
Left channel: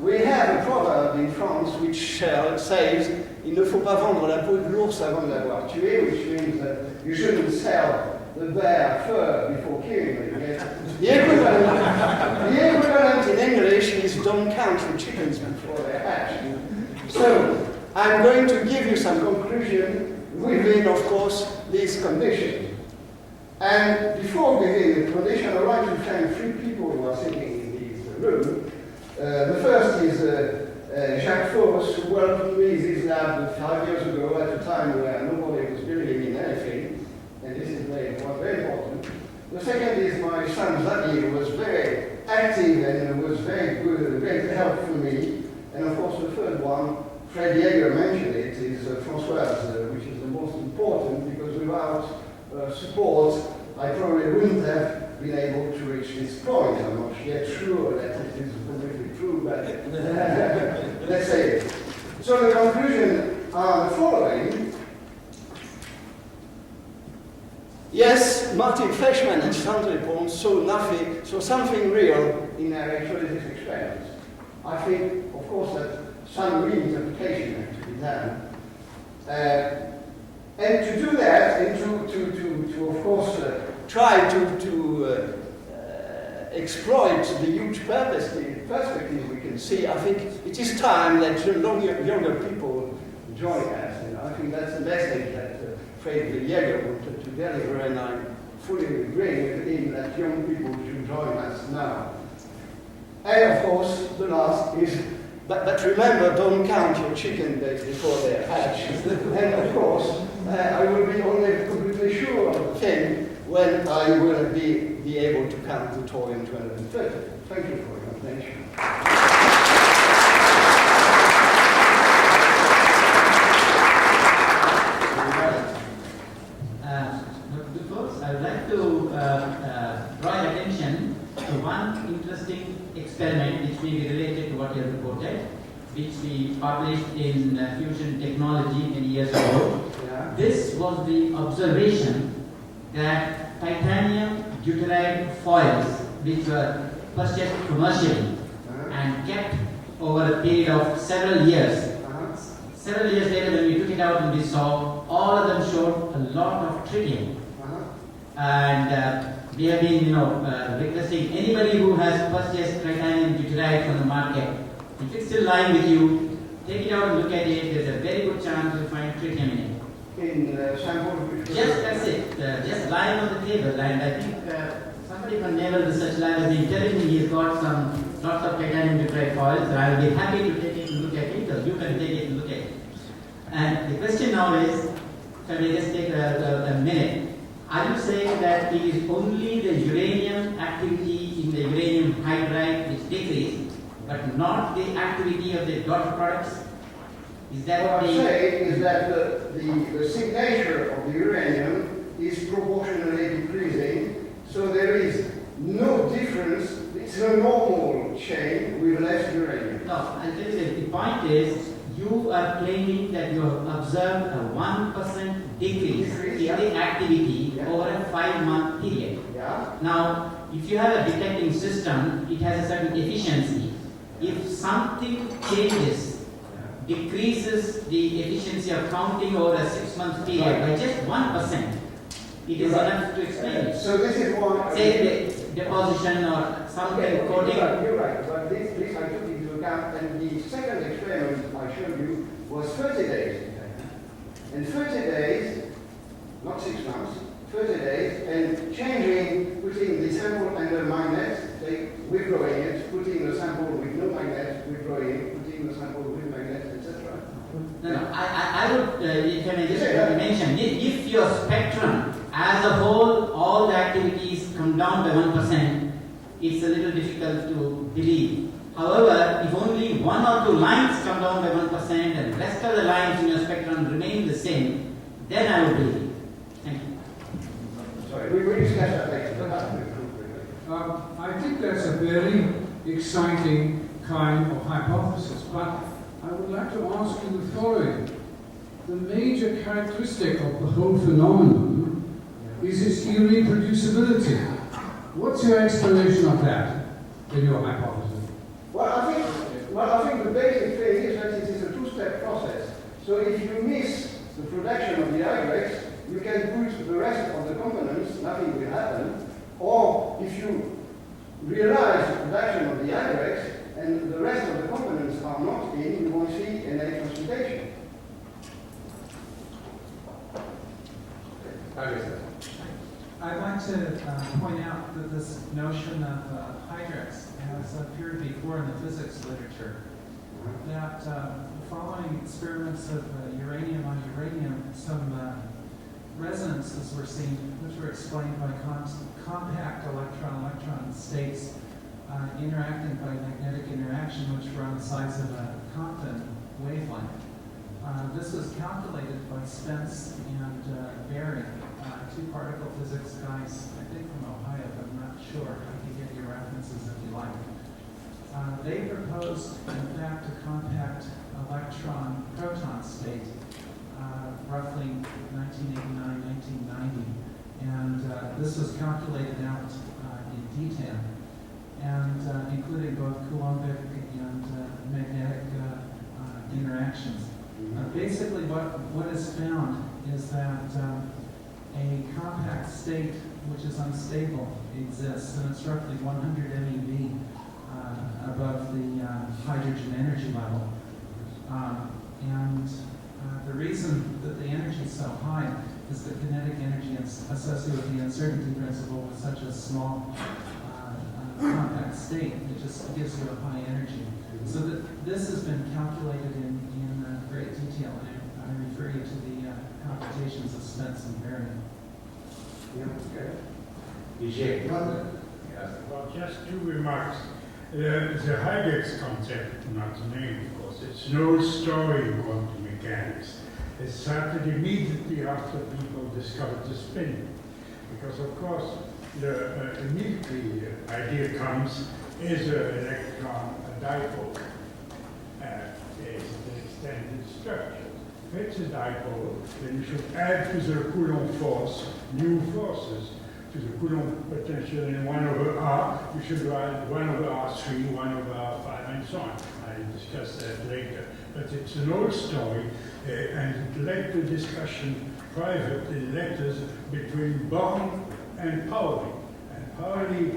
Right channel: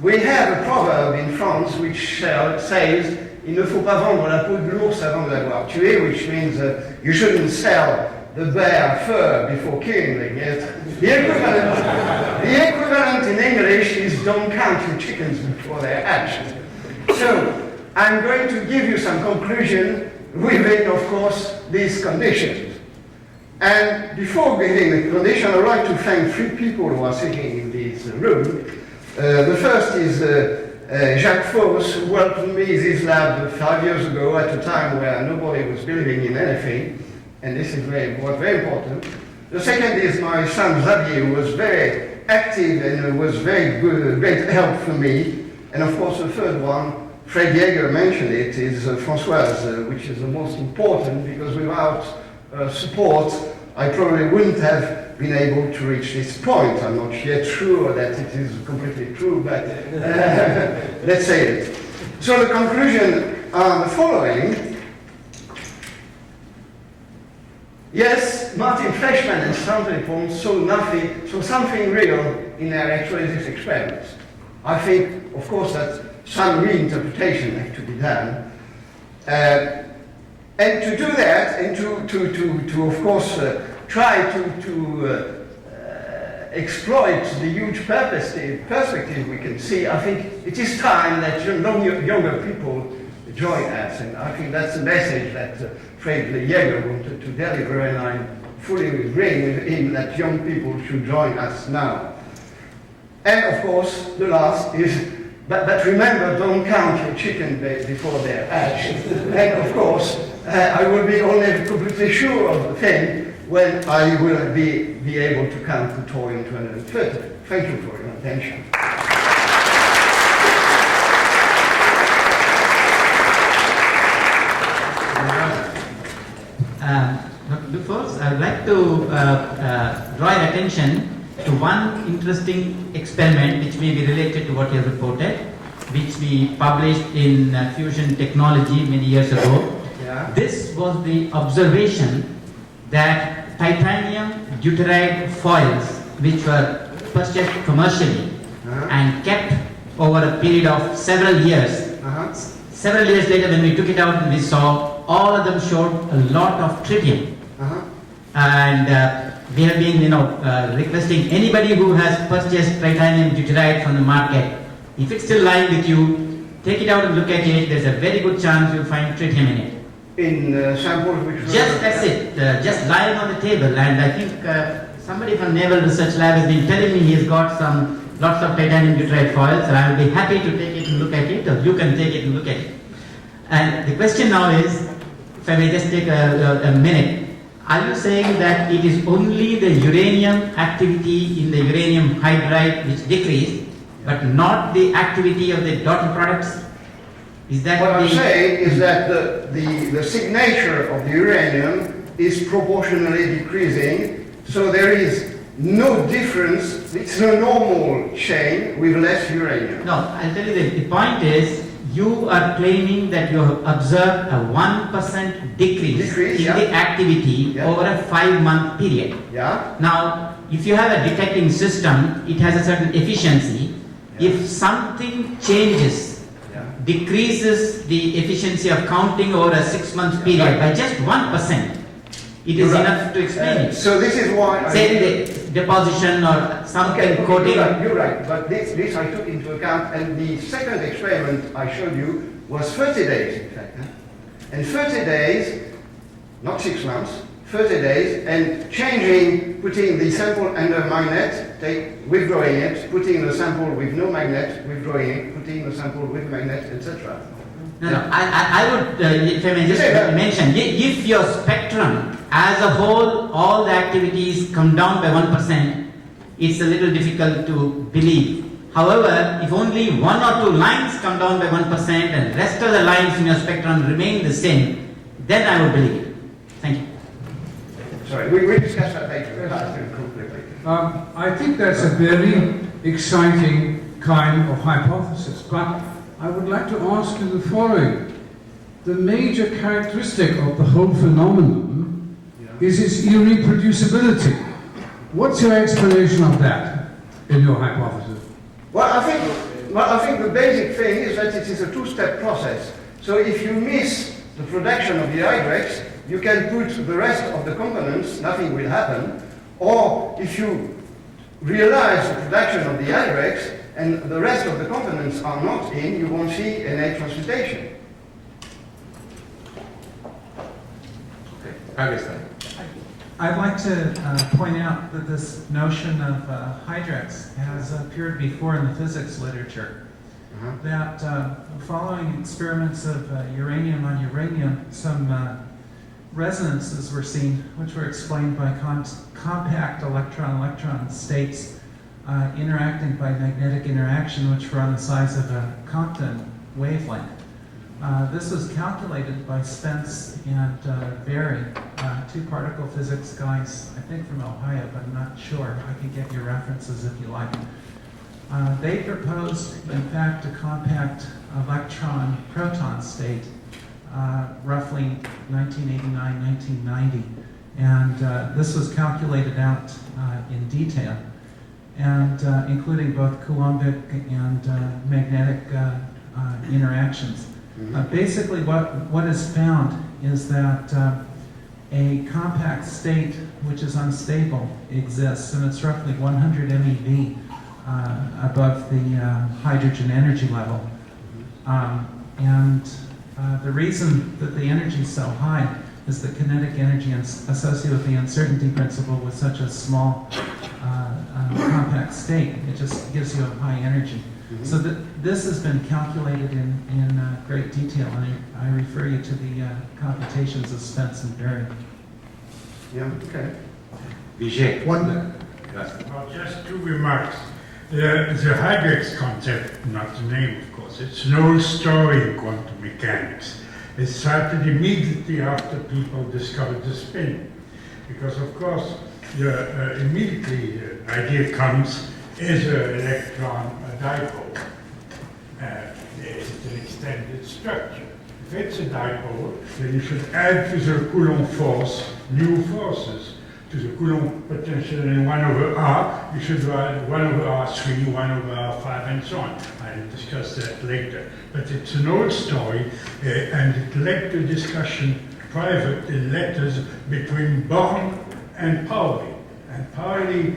We have a proverb in France which says, "Il ne faut pas vendre la peau de l'ours avant de l'avoir tué," which means you shouldn't sell the bear fur before killing them. Yes? The equivalent in English is "don't count your chickens before they're hatched." So I'm going to give you some conclusion within, of course, these conditions. And before giving the condition, I'd like to thank 3 people who are sitting in this room. The first is Jacques Fauss, who worked with me in this lab 5 years ago at a time where nobody was believing in anything, and this is was very important. The second is my son Xavier, who was very active and was very good, great help for me. And of course, the third one, Fred Yeager mentioned it, is Françoise, which is the most important, because without support, I probably wouldn't have been able to reach this point. I'm not yet sure that it is completely true, but let's say it. So the conclusion are the following. Yes, Martin Fleischmann and Stanley Pons saw something real in their electrolysis experiments. I think, of course, that some reinterpretation had to be done. And to do that, and to of course, try to exploit the huge perspective we can see, I think it is time that younger people join us. And I think that's the message that Fred Yeager wanted to deliver, and I fully agree with him that young people should join us now. And of course, the last is, but remember, don't count your chicken before they're hatched. And of course, I will be only completely sure of the thing when I will be able to count the toy in 230. Thank you for your attention. First, I would like to draw your attention to one interesting experiment which may be related to what you have reported, which we published in Fusion Technology many years ago. Yeah. This was the observation that titanium deuteride foils, which were purchased commercially and kept over a period of several years. Several years later, when we took it out and we saw, all of them showed a lot of tritium. And we have been, requesting anybody who has purchased titanium deuteride from the market, if it's still lying with you, take it out and look at it. There's a very good chance you'll find tritium in it. In samples which Just that's it, just lying on the table. And I think somebody from Naval Research Lab has been telling me he's got lots of titanium deuteride foils, and I will be happy to take it and look at it, or you can take it and look at it. And the question now is, if I may just take a minute, are you saying that it is only the uranium activity in the uranium hydride which decreased, but not the activity of the daughter products? Is that what I'm saying is that the signature of the uranium is proportionally decreasing, so there is no difference. It's a normal chain with less uranium. No, I'll tell you the point is, you are claiming that you have observed a 1% decrease in the activity over a 5-month period. Yeah. Now, if you have a detecting system, it has a certain efficiency. If something changes, decreases the efficiency of counting over a 6-month period by just 1%, it is enough to explain it. So this is why say the deposition or something coating. You're right, but this I took into account, and the second experiment I showed you was 30 days, in fact. And 30 days, not 6 months, 30 days, and changing, putting the sample under magnet, withdrawing it, putting the sample with no magnet, withdrawing it, putting the sample with magnet, etc. No, I would, if I may just mention, if your spectrum as a whole, all the activities come down by 1%, it's a little difficult to believe. However, if only 1 or 2 lines come down by 1% and the rest of the lines in your spectrum remain the same, then I would believe it. Thank you. Sorry, we discussed that later. I think that's a very exciting kind of hypothesis, but I would like to ask you the following. The major characteristic of the whole phenomenon is its irreproducibility. What's your explanation of that in your hypothesis? Well, I think the basic thing is that it is a 2-step process. So if you miss the production of the hydrates, you can put the rest of the components, nothing will happen. Or if you realize the production of the hydrates and the rest of the components are not in, you won't see any transmutation. I'd like to point out that this notion of hydrex has appeared before in the physics literature. That following experiments of uranium on uranium, some resonances were seen, which were explained by compact electron-electron states interacting by magnetic interaction, which were on the size of a Compton wavelength. This was calculated by Spence and Berry, two particle physics guys, I think from Ohio, but I'm not sure. I can get your references if you like. They proposed, in fact, a compact electron-proton state, roughly 1989, 1990. And this was calculated out in detail, and including both Coulombic and magnetic interactions. Basically, what is found is that a compact state, which is unstable, exists, and it's roughly 100 MeV above the hydrogen energy level. The reason that the energy is so high is the kinetic energy associated with the uncertainty principle with such a small compact state. It just gives you a high energy. So this has been calculated in great detail, and I refer you to the computations of Spence and Berry. Yeah, okay. Well, just two remarks. The hydrex concept, not the name of course, it's an old story in quantum mechanics. It started immediately after people discovered the spin. Because of course, immediately the idea comes, is an electron a dipole? Is it an extended structure? If it's a dipole, then you should add to the Coulomb force new forces. To the Coulomb potential in 1 over R, you should add 1 over R3, 1 over R5, and so on. I'll discuss that later. But it's an old story, and it led to discussion private in letters between Born and Pauli. And Pauli,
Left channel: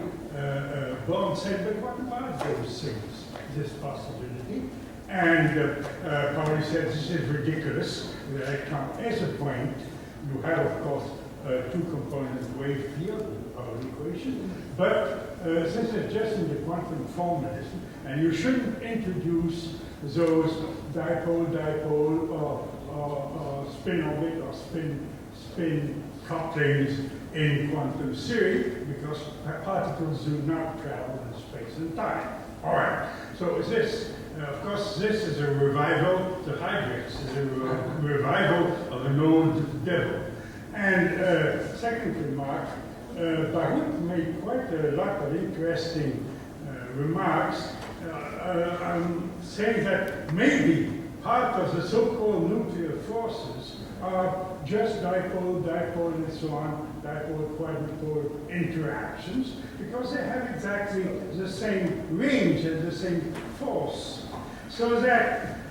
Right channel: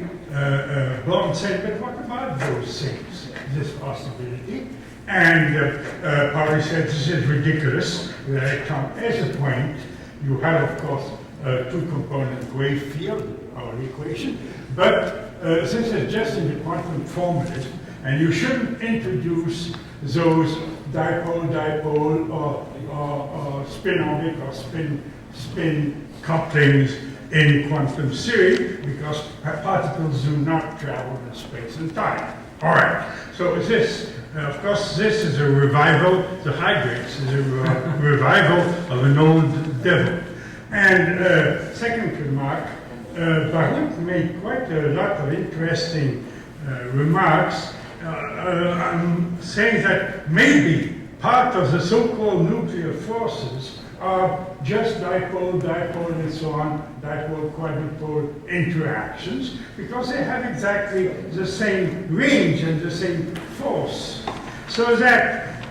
Born said, but what about those things, this possibility? And Pauli said, this is ridiculous. The electron has a point. You have, of course, two-component wave field, the Pauli equation, but since it's just in the quantum formalism, and you shouldn't introduce those dipole-dipole or spin-orbit or spin couplings in quantum theory, because particles do not travel in space and time. All right, so this, of course, this is a revival, the hydrex is a revival of an old devil. And second remark, Baruch made quite a lot of interesting remarks saying that maybe part of the so-called nuclear forces are just dipole, dipole, and so on, dipole, quadrupole interactions, because they have exactly the same range and the same force. So that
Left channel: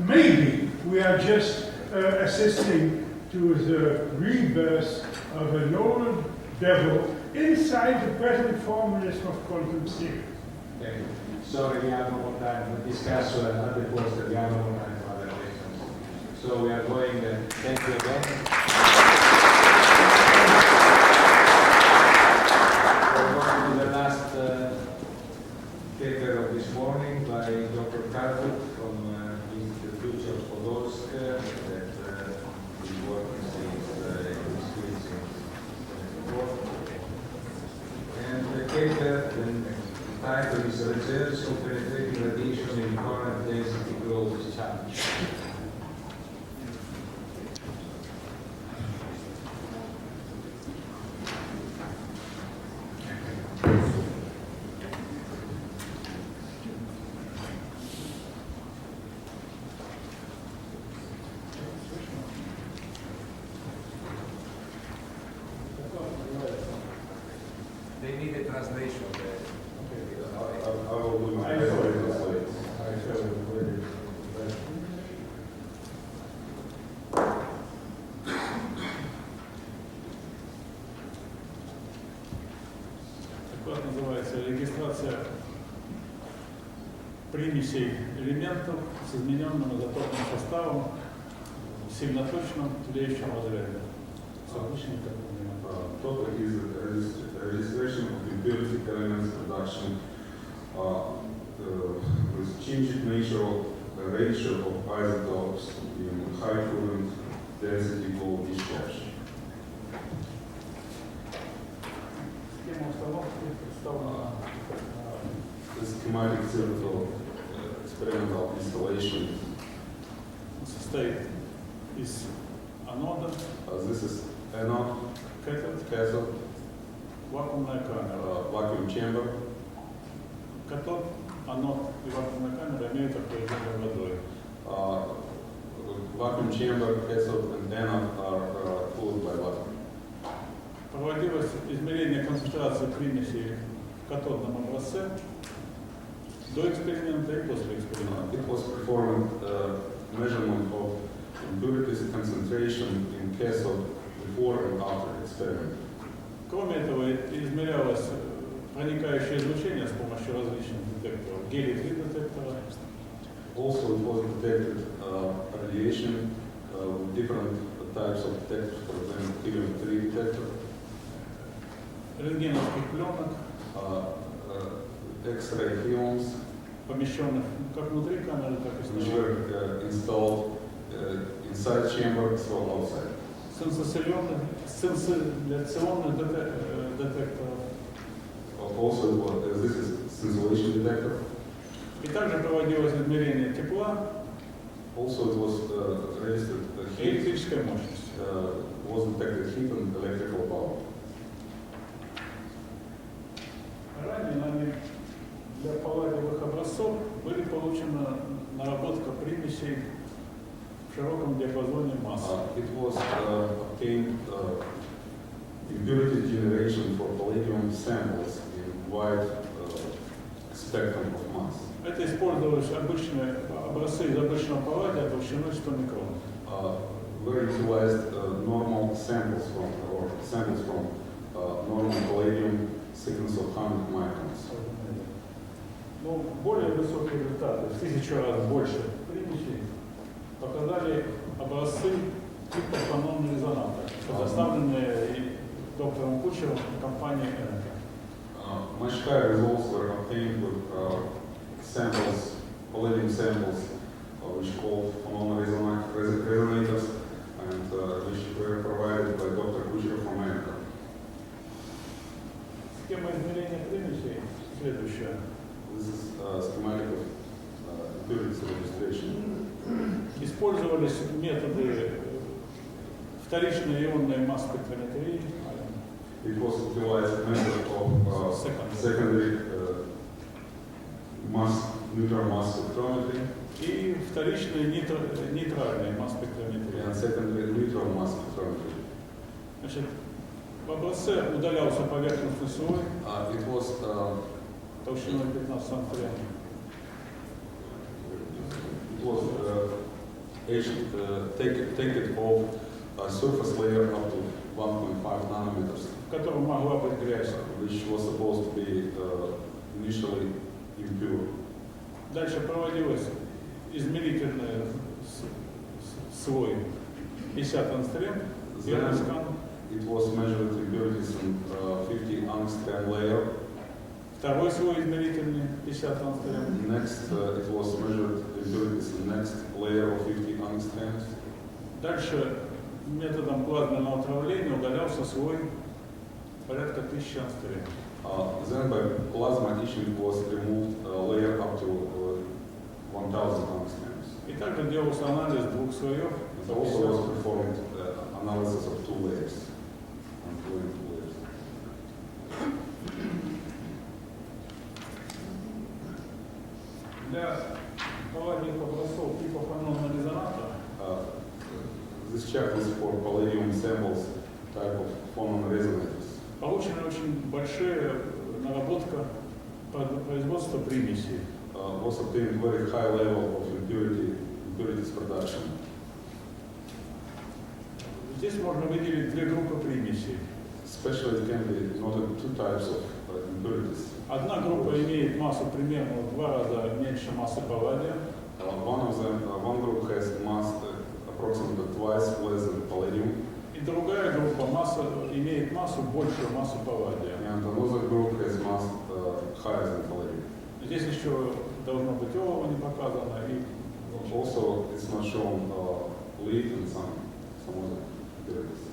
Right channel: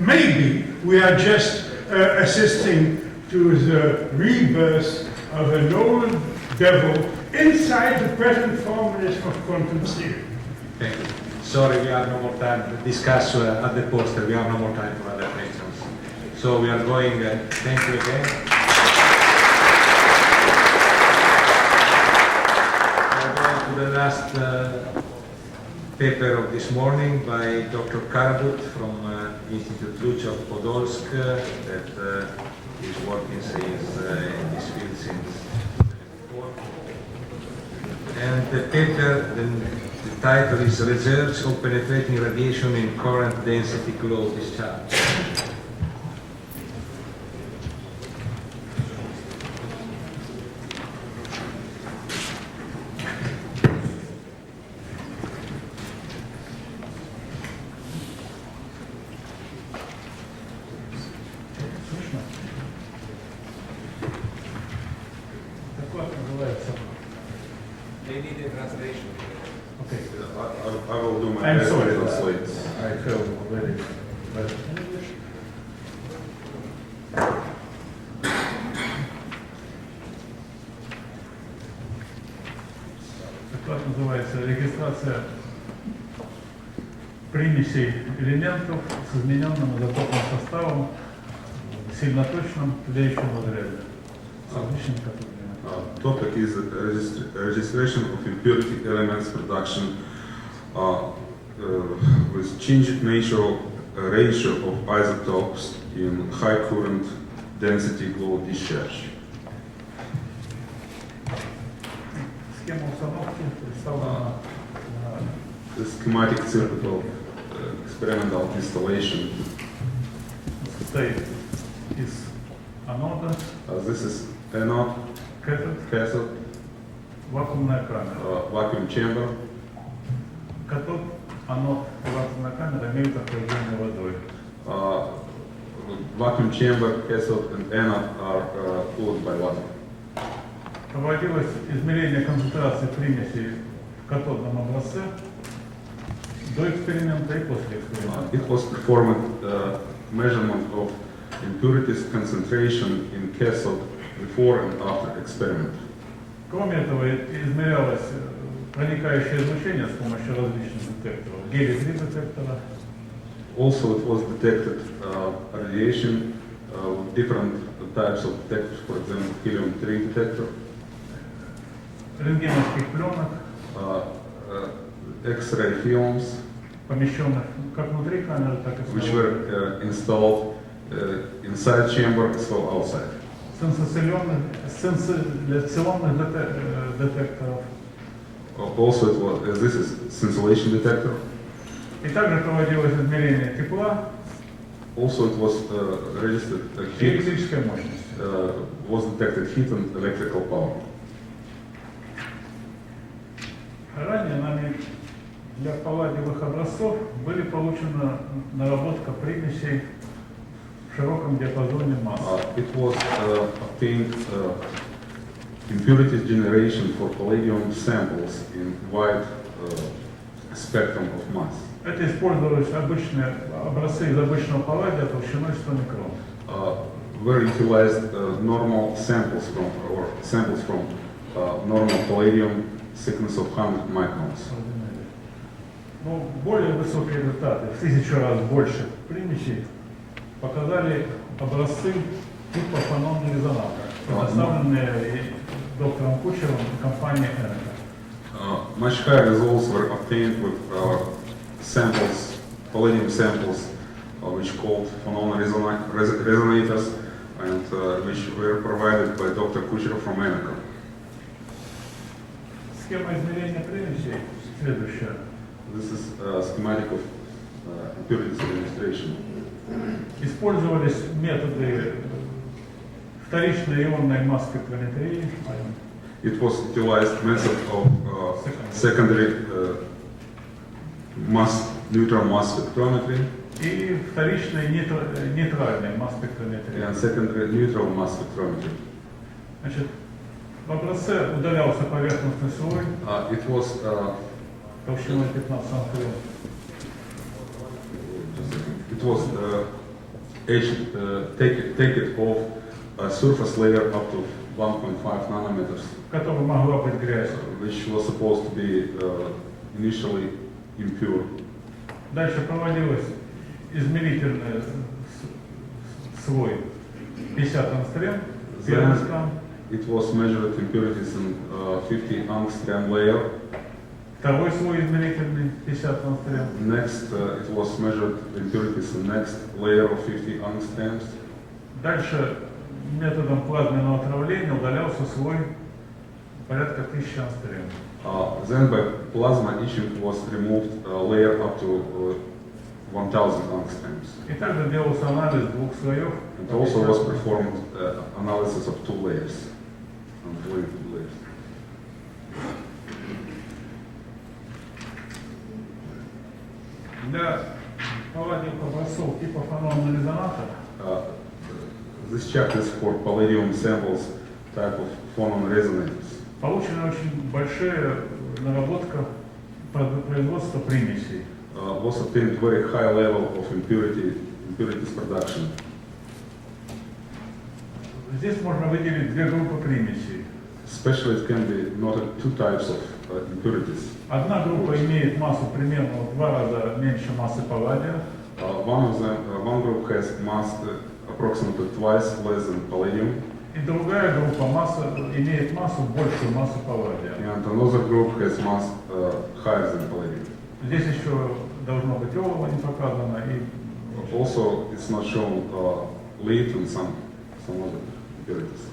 maybe we are just assisting to the rebirth of an old devil inside the present formalism of quantum theory. Thank you. Sorry, we have no more time to discuss at the poster. We have no more time for other questions. So we are going, thank you again. We're going to the last paper of this morning by Dr. Karabut from Institute Luch of Podolsk that is working since in this field since. And the paper, the title is Research on Penetrating Radiation in Current Density Closed Discharge. Регистрация примесей элементов с измененным изотопным составом в сильноточном тлеющем водороде. solution cathode. Topic is registration of impurity elements production with changed nature ratio of isotopes in high current density low discharge. Схема установки представлена The schematic circuit of experimental installation. состоит из анода, This is anode, cathode, вакуумная камера. Vacuum chamber. Катод, анод и вакуумная камера имеют охлаждение водой. Vacuum chamber, cathode, and anode are cooled by water. Проводилось измерение концентрации примесей в катодном образце до эксперимента и после эксперимента. It was performed measurement of impurities concentration in cathode before and after experiment. Кроме этого, измерялось проникающее излучение с помощью различных детекторов. Гелий-3 детектора. Also, it was detected radiation with different types of detectors, for example, helium-3 detector, Рентгеновских пленок, X-ray films, помещенных как внутри камеры, так и which снаружи. were installed inside chamber as well outside. Сенсоляционных детекторов. Also, it was this is scintillation detector. И также проводилось измерение тепла Also, it was registered и heat. электрической мощности. Was detected heat and electrical power. Ранее нами для палладиевых образцов были получена наработка примесей в широком диапазоне масс. It was obtained impurity generation for palladium samples in wide spectrum of mass. Это использовались обычные образцы из обычного палладия толщиной 100 микрон. Were utilized normal samples from normal palladium thickness of 100 microns. Но более высокие результаты, в 1000 раз больше примесей, показали образцы типа фононного резонатора, предоставленные доктором Кучером и компанией Energo. Much higher results were obtained with samples, palladium samples, which called phonon resonators, and which were provided by Dr. Kucherov from Energo. Схема измерения примесей следующая. This is a schematic of impurity registration. Использовались методы вторичной ионной масс-спектрометрии. It was utilized method of secondary neutron mass spectrometry и вторичной нейтральной масс-спектрометрии. and secondary neutral mass spectrometry. Значит, в образце удалялся поверхностный слой It was толщиной 15 ангстрем. It was take it off a surface layer up to 1.5 nanometers, В котором могла быть грязь. which was supposed to be initially impure. Дальше проводилось измерительный слой 50 ангстрем, первый скан. It was measured impurities in 50 angstrom layer. Второй слой измерительный 50 ангстрем. Next, it was measured impurities in next layer of 50 angstroms. Dальше методом плазменного отравления удалялся слой порядка 1000 ангстрем. Then by plasma etching was removed a layer up to 1000 angstroms. И также делался анализ двух слоев. And also was performed analysis of two layers. Для палладиевых образцов типа фононного резонатора This chapter is for palladium samples type of phonon resonators. получена очень большая наработка производства примесей. Was obtained very high level of impurities production. Здесь можно выделить две группы примесей. Especially it can be noted two types of impurities. Одна группа имеет массу примерно в 2 раза меньше массы палладия. One group has mass approximately twice less than palladium. И другая группа масса, имеет массу, большую массу палладия. And another group has mass higher than palladium. Здесь еще должно быть олово не показано. И Also, it's not shown lead and some other impurities.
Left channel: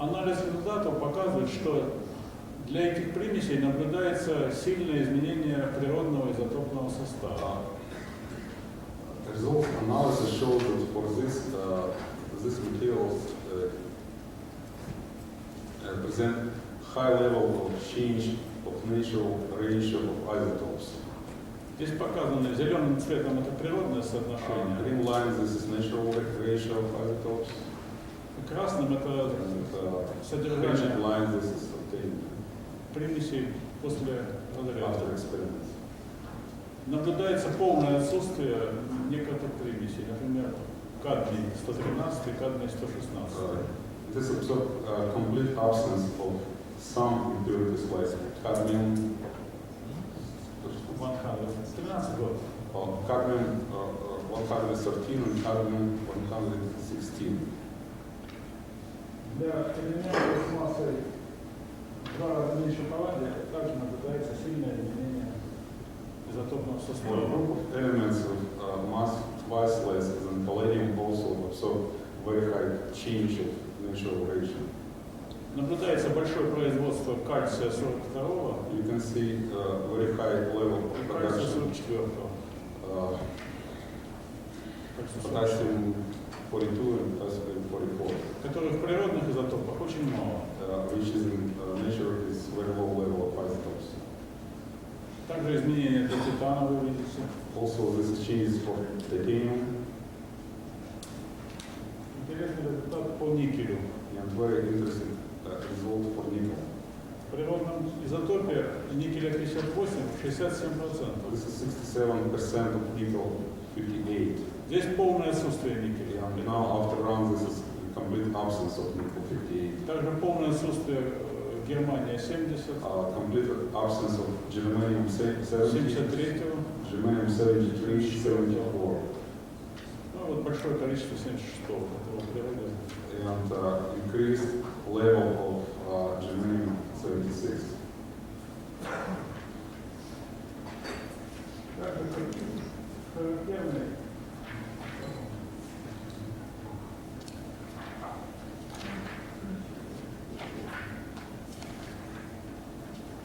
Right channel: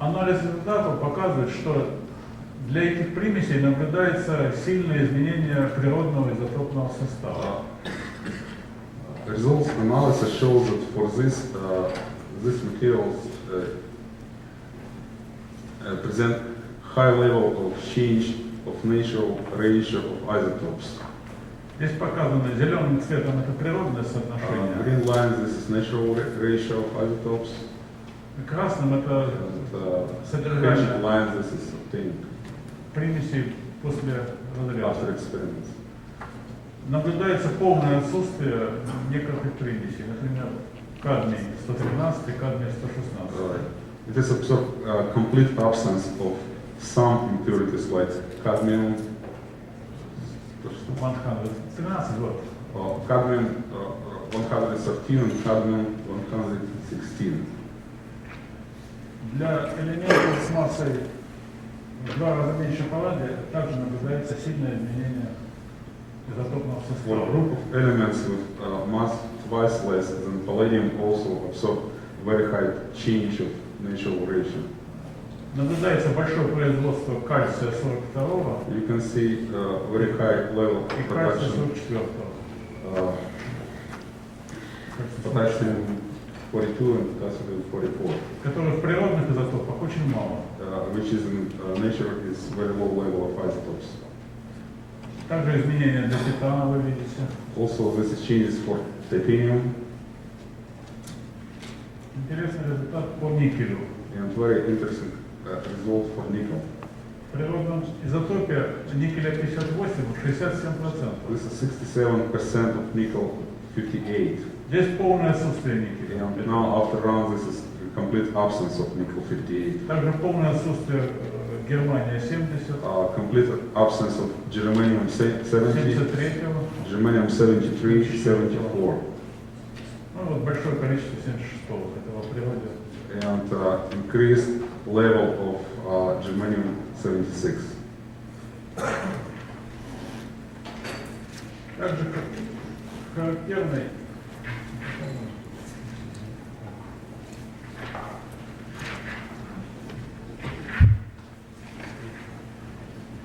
анализ результатов показывает, что для этих примесей наблюдается сильное изменение природного изотопного состава. Results analysis shows that for this materials present high level of change of natural ratio of isotopes. Здесь показано зеленым цветом это природное соотношение. Green line, this is natural ratio of isotopes. Красным это содержание Hatchet line, this is obtained примесей после разряда. after experiments. Наблюдается полное отсутствие некоторых примесей, например, кадмий 113, кадмий 116. It is observed complete absence of some impurities like cadmium, 113 год. cadmium 113 and cadmium 116. Для элементов с массой в 2 раза меньше палладия также наблюдается сильное изменение изотопного For a состава. group of elements with mass twice less than palladium also observe very high change of natural ratio. Наблюдается большое производство кальция 42 You can see very high level of и кальция production 44. potassium 42 and potassium 44, Которых в природных изотопах очень мало. which is in nature is very low level of isotopes. Также изменения для титана вы видите. Also, this is changes for titanium Интересный результат по никелю. and very interesting result for nickel. В природном изотопе никеля 58 67%. This is 67% of nickel 58. Здесь полное отсутствие никеля. And now after round this is a complete absence of nickel 58. Также полное отсутствие Германия 70, Complete absence of germanium 70, 73-го. germanium 73, 74. Ну вот большое количество 76-го, которого в природе. And increased level of germanium 76. Также характерный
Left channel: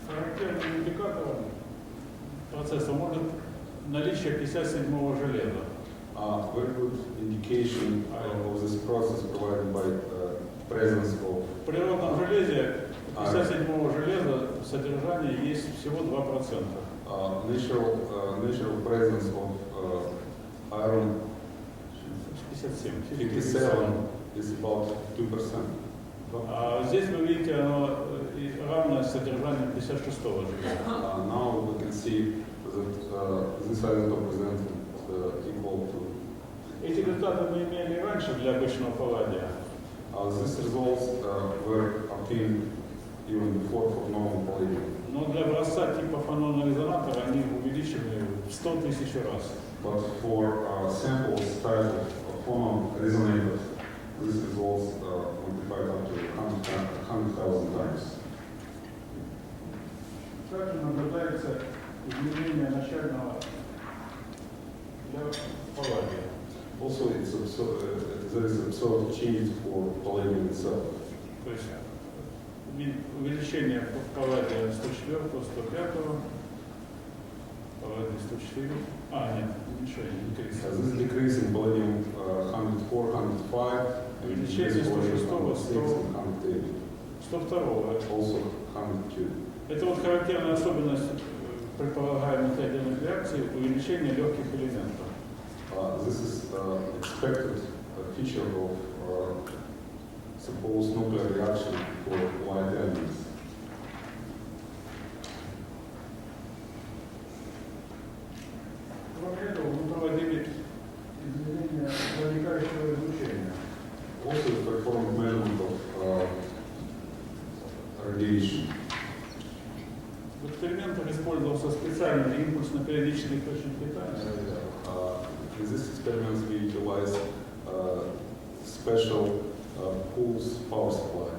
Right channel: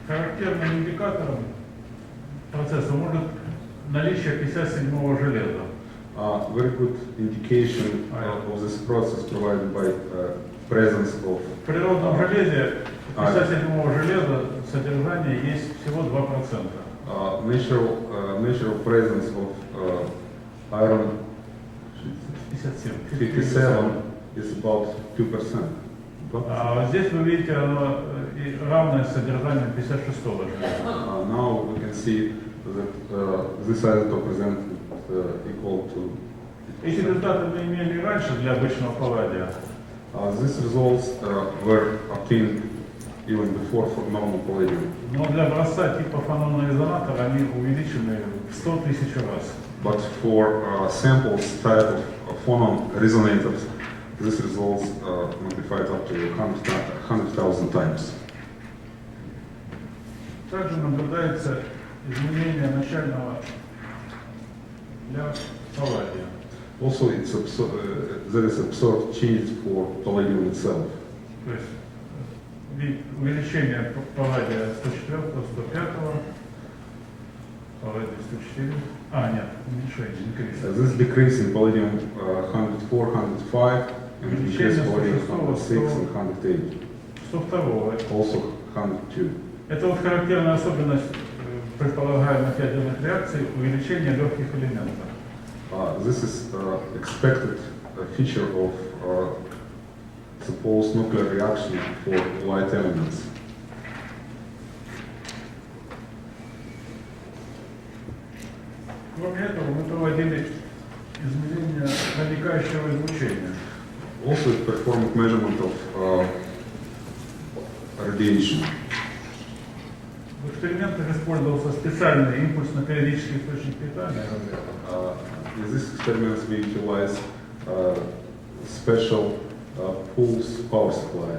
характерным индикатором процесса может наличие 57-го железа. Very good indication of this process provided by presence of В природном железе 57-го железа содержание есть всего 2%. natural presence of iron 57 is about 2%. А здесь вы видите, оно равное содержанию 56-го железа. Now we can see that this isotope present equal to. Эти результаты мы имели раньше для обычного палладия. These results were obtained even before for normal palladium. Но для образца типа фанонного резонатора они увеличены в 100 тысяч раз. But for samples type of phonon resonators, these results magnified up to 100,000 times. Также наблюдается изменение начального для палладия. Also, there is observed change for palladium itself. То есть увеличение палладия 104, 105, палладия 104. Нет, уменьшение, increase. This decrease in palladium 104, 105, and increase in palladium 106 and 108. 102. Also 102. Это вот характерная особенность предполагаемых ядерных реакций увеличение легких элементов. This is expected feature of supposed nuclear reaction for light elements. Кроме этого, мы проводили измерения проникающего излучения. Also, it performed measurement of radiation. В экспериментах использовался специальный импульсно-периодический источник питания. In these experiments, we utilize special pulse power supply.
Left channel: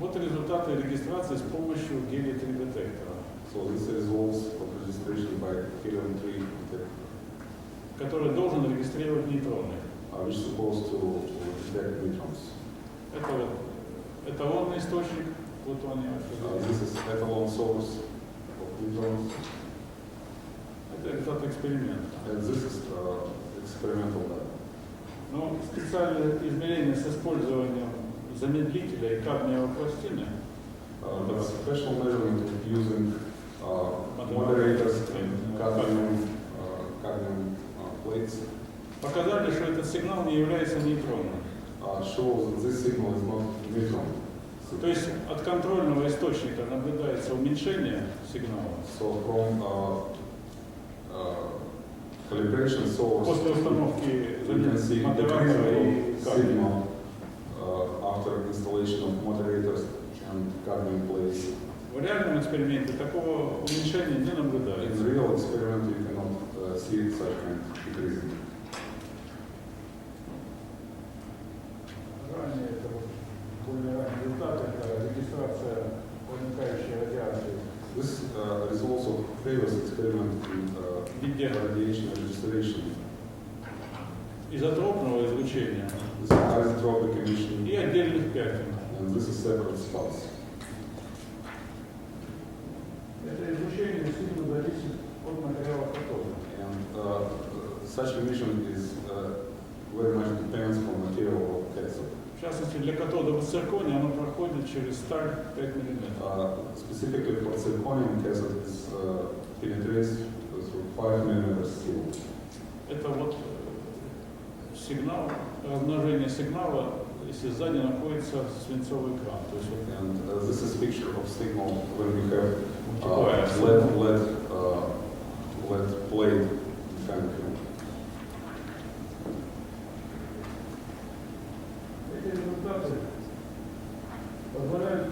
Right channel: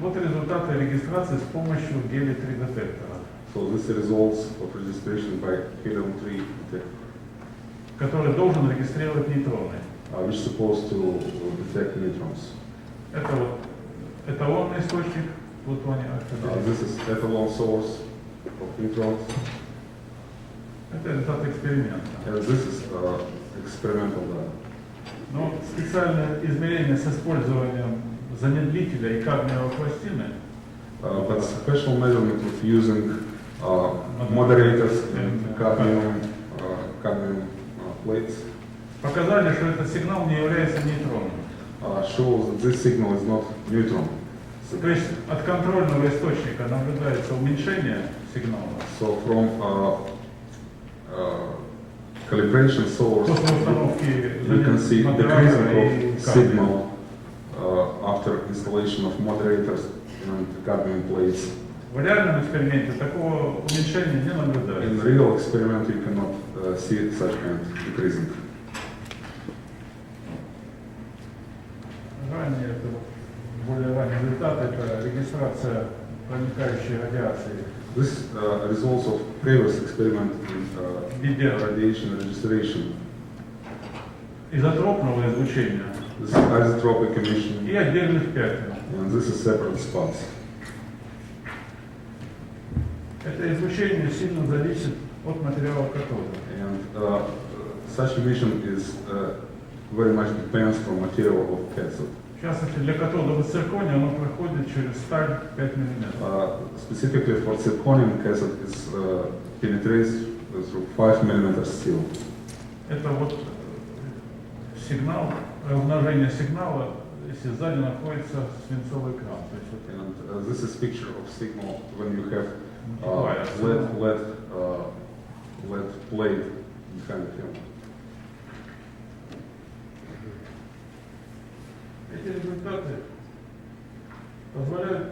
Вот результаты регистрации с помощью гелий-3 детектора, So this results of registration by helium-3 detector, который должен регистрировать нейтроны. which is supposed to detect neutrons. Это вот эталонный источник плутония. This is ethanol source of neutrons. Это результат эксперимента. This is experimental data. Но специальное измерение с использованием замедлителя и кадмиевой пластины But special measurement of using moderators and cadmium plates показали, что этот сигнал не является нейтроном. shows that this signal is not neutron. То есть от контрольного источника наблюдается уменьшение сигнала. So from calibration source, После установки you can see decrease модератора of и signal after installation of moderators and cadmium plates. В реальном эксперименте такого уменьшения не In наблюдается. real experiment, you cannot see such kind of decreasing. Ранее это более ранний результат, это регистрация проникающей радиации. This results of previous experiment in radiation registration. Изотропного излучения This is isotropic emission, и отдельных пятен. and this is separate spots. Это излучение сильно зависит от материала катода. And such emission is very much depends from material of cathode. В частности, для катодового циркония оно проходит через сталь 5 мм. Specifically for zirconium, cathode is penetrates through 5 mm steel. Это вот сигнал, размножение сигнала, если сзади находится свинцовый экран. То есть вот And this is picture of signal when you have multiplier. LED plate kind of film. Эти результаты позволяют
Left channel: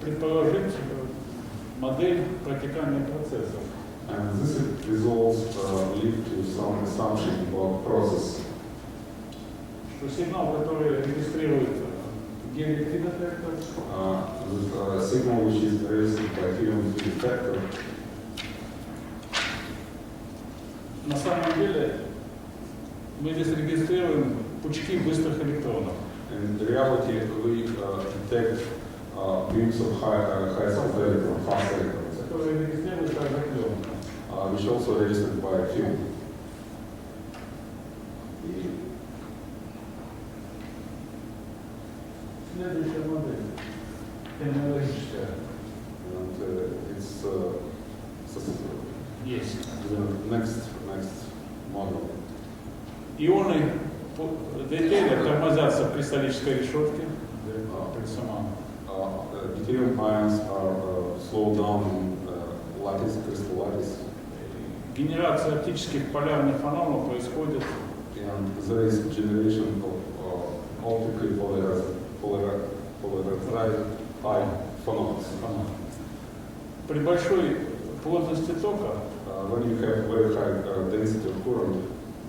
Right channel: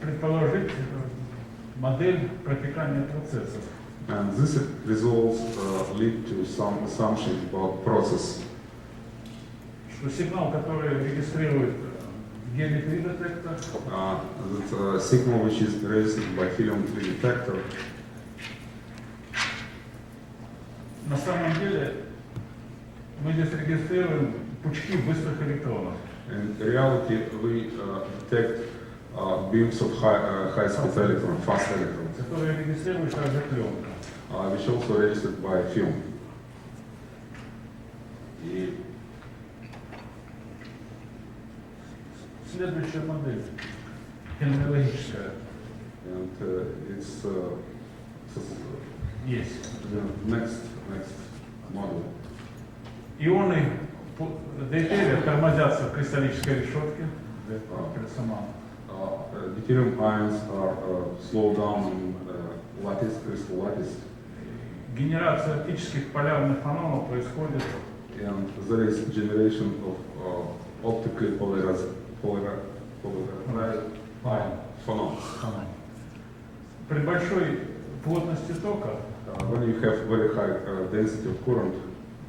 предположить модель протекания процессов. And this results lead to some assumption about process. Что сигнал, который регистрирует гелий-3 детектор, The signal which is registered by helium-3 detector на самом деле мы здесь регистрируем пучки быстрых электронов. in reality we detect beams of high-speed electron, fast electrons, Которые регистрируют также пленку. which also registered by film. И следующая модель, технологическая, And it's есть. the next model. Ионы дейтерия тормозятся в кристаллической решетке, присама. Deuterium ions are slowed down in lattice, crystal lattice, Генерация оптических полярных фононов происходит and there is generation of optically polarized high phonons. при большой плотности тока. When you have very high density of current,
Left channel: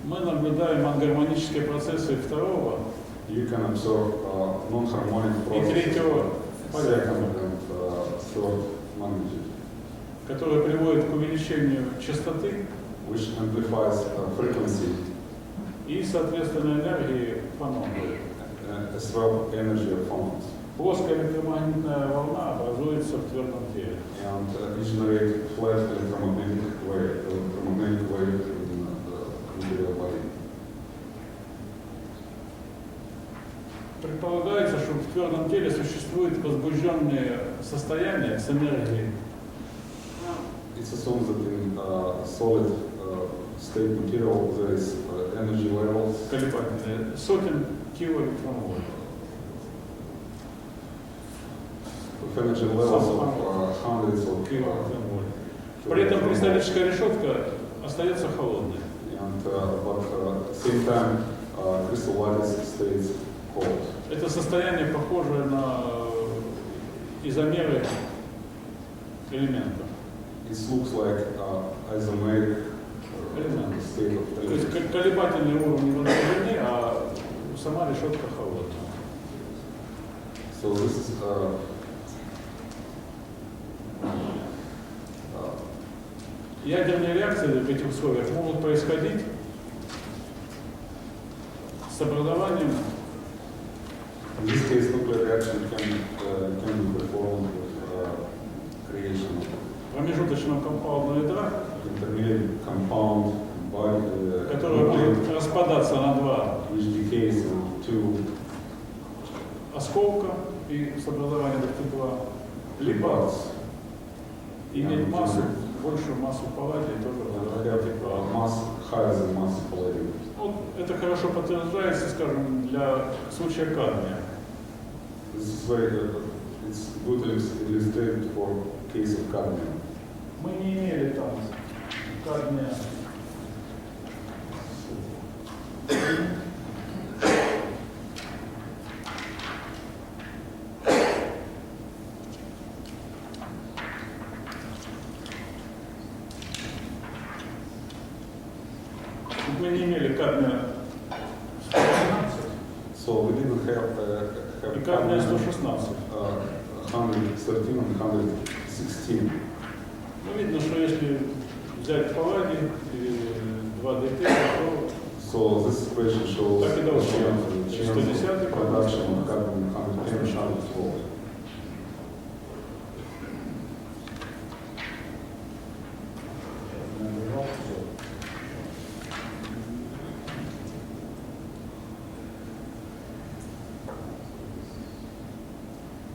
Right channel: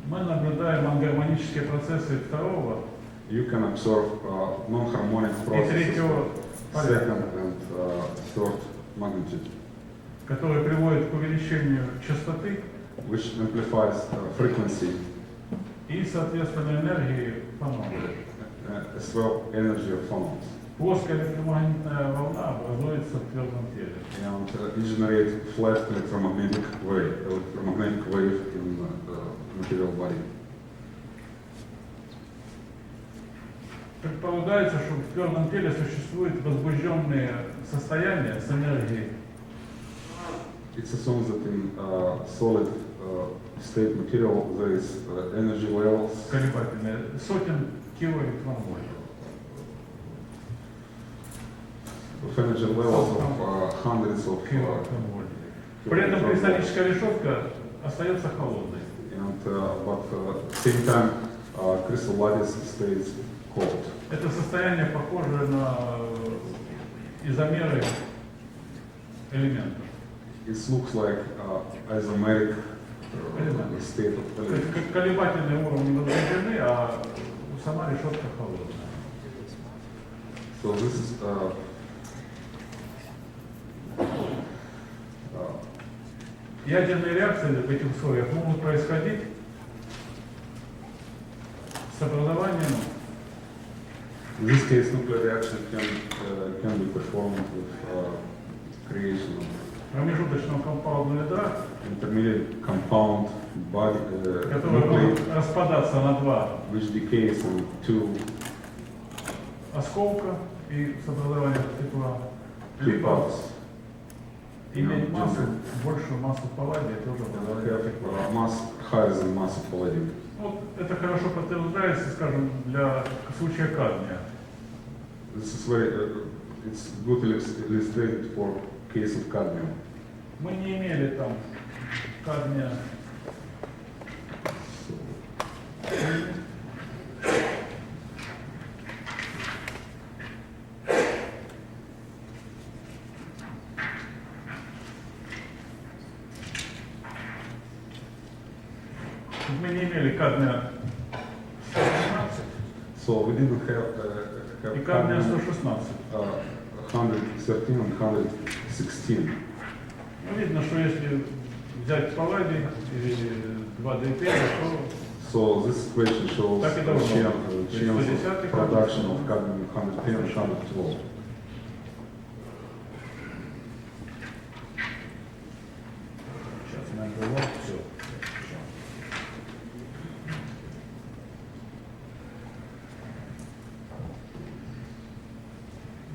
Мы наблюдаем ангармонические процессы второго you can observe non-harmonic и processes, третьего порядка, second and third magnitude, которые приводят к увеличению частоты which amplifies frequency и, соответственно, энергии фонона. as well energy of phonons, Плоская электромагнитная волна образуется в твердом теле. and it generates flat electromagnetic wave in material body. Предполагается, что в твердом теле существуют возбужденные состояния с энергией. It's assumed that in solid state material there is energy levels Колебательные сотен килоэлектронвольт. of energy levels of hundreds of Килоэлектронвольт. При этом кристаллическая решетка остается холодной. and but at the same time crystal lattice stays cold. Это состояние похоже на изомеры элементов. It looks like isomeric элемент. state of То есть validity. колебательные уровни возбуждены, а сама решетка холодная. So this is Ядерные реакции в этих условиях могут происходить с образованием in this case, nuclear reaction can be performed with creation of промежуточного компаундного ядра, intermediate compound body, которое может распадаться на два which decays in two осколка и с образованием тепла, либо parts. иметь массу, большую массу палладия тоже Have образование. mass higher than mass of palladium. Вот это хорошо подтверждается, скажем, для случая кадмия. This is very, it's good illustrated for case of cadmium. Мы не имели там кадмия. Мы не имели кадмия 116 So we didn't have и кадмия 116. 113 and 116. Ну, видно, что если взять палладий или 2D5, то So this equation shows Так и the должно chance быть. of production of cadmium 110 and 112.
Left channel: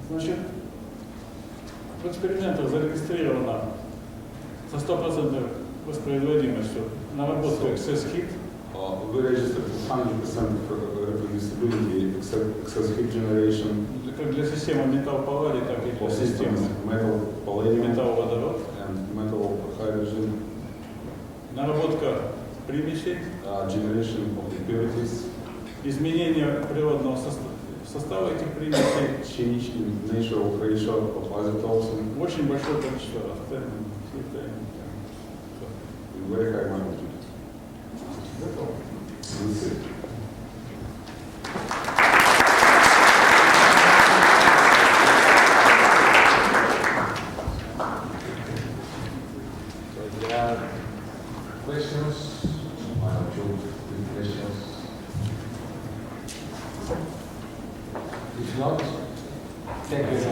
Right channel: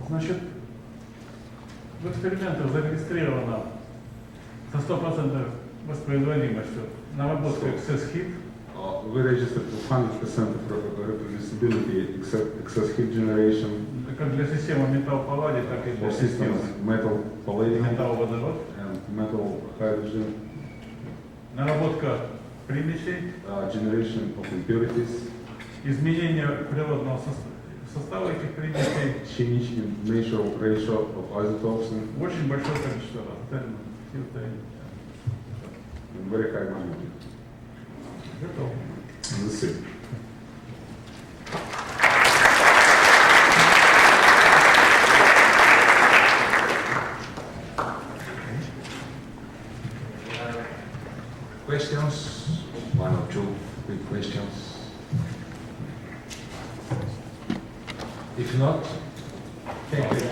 Значит, в экспериментах зарегистрировано со 100% воспроизводимостью наработку excess heat. We registered with 100% reproducibility, excess heat generation Как для системы металл-палладий, так и для for системы systems metal, palladium, металл-водород. and metal hydrogen, Наработка примесей, generation of impurities, изменение природного состава этих примесей, change in nature of ratio of isotopes, and очень большое количество раз. very high magnitude. Готово. Let's see. There are questions, one or two big questions. If not, thank you.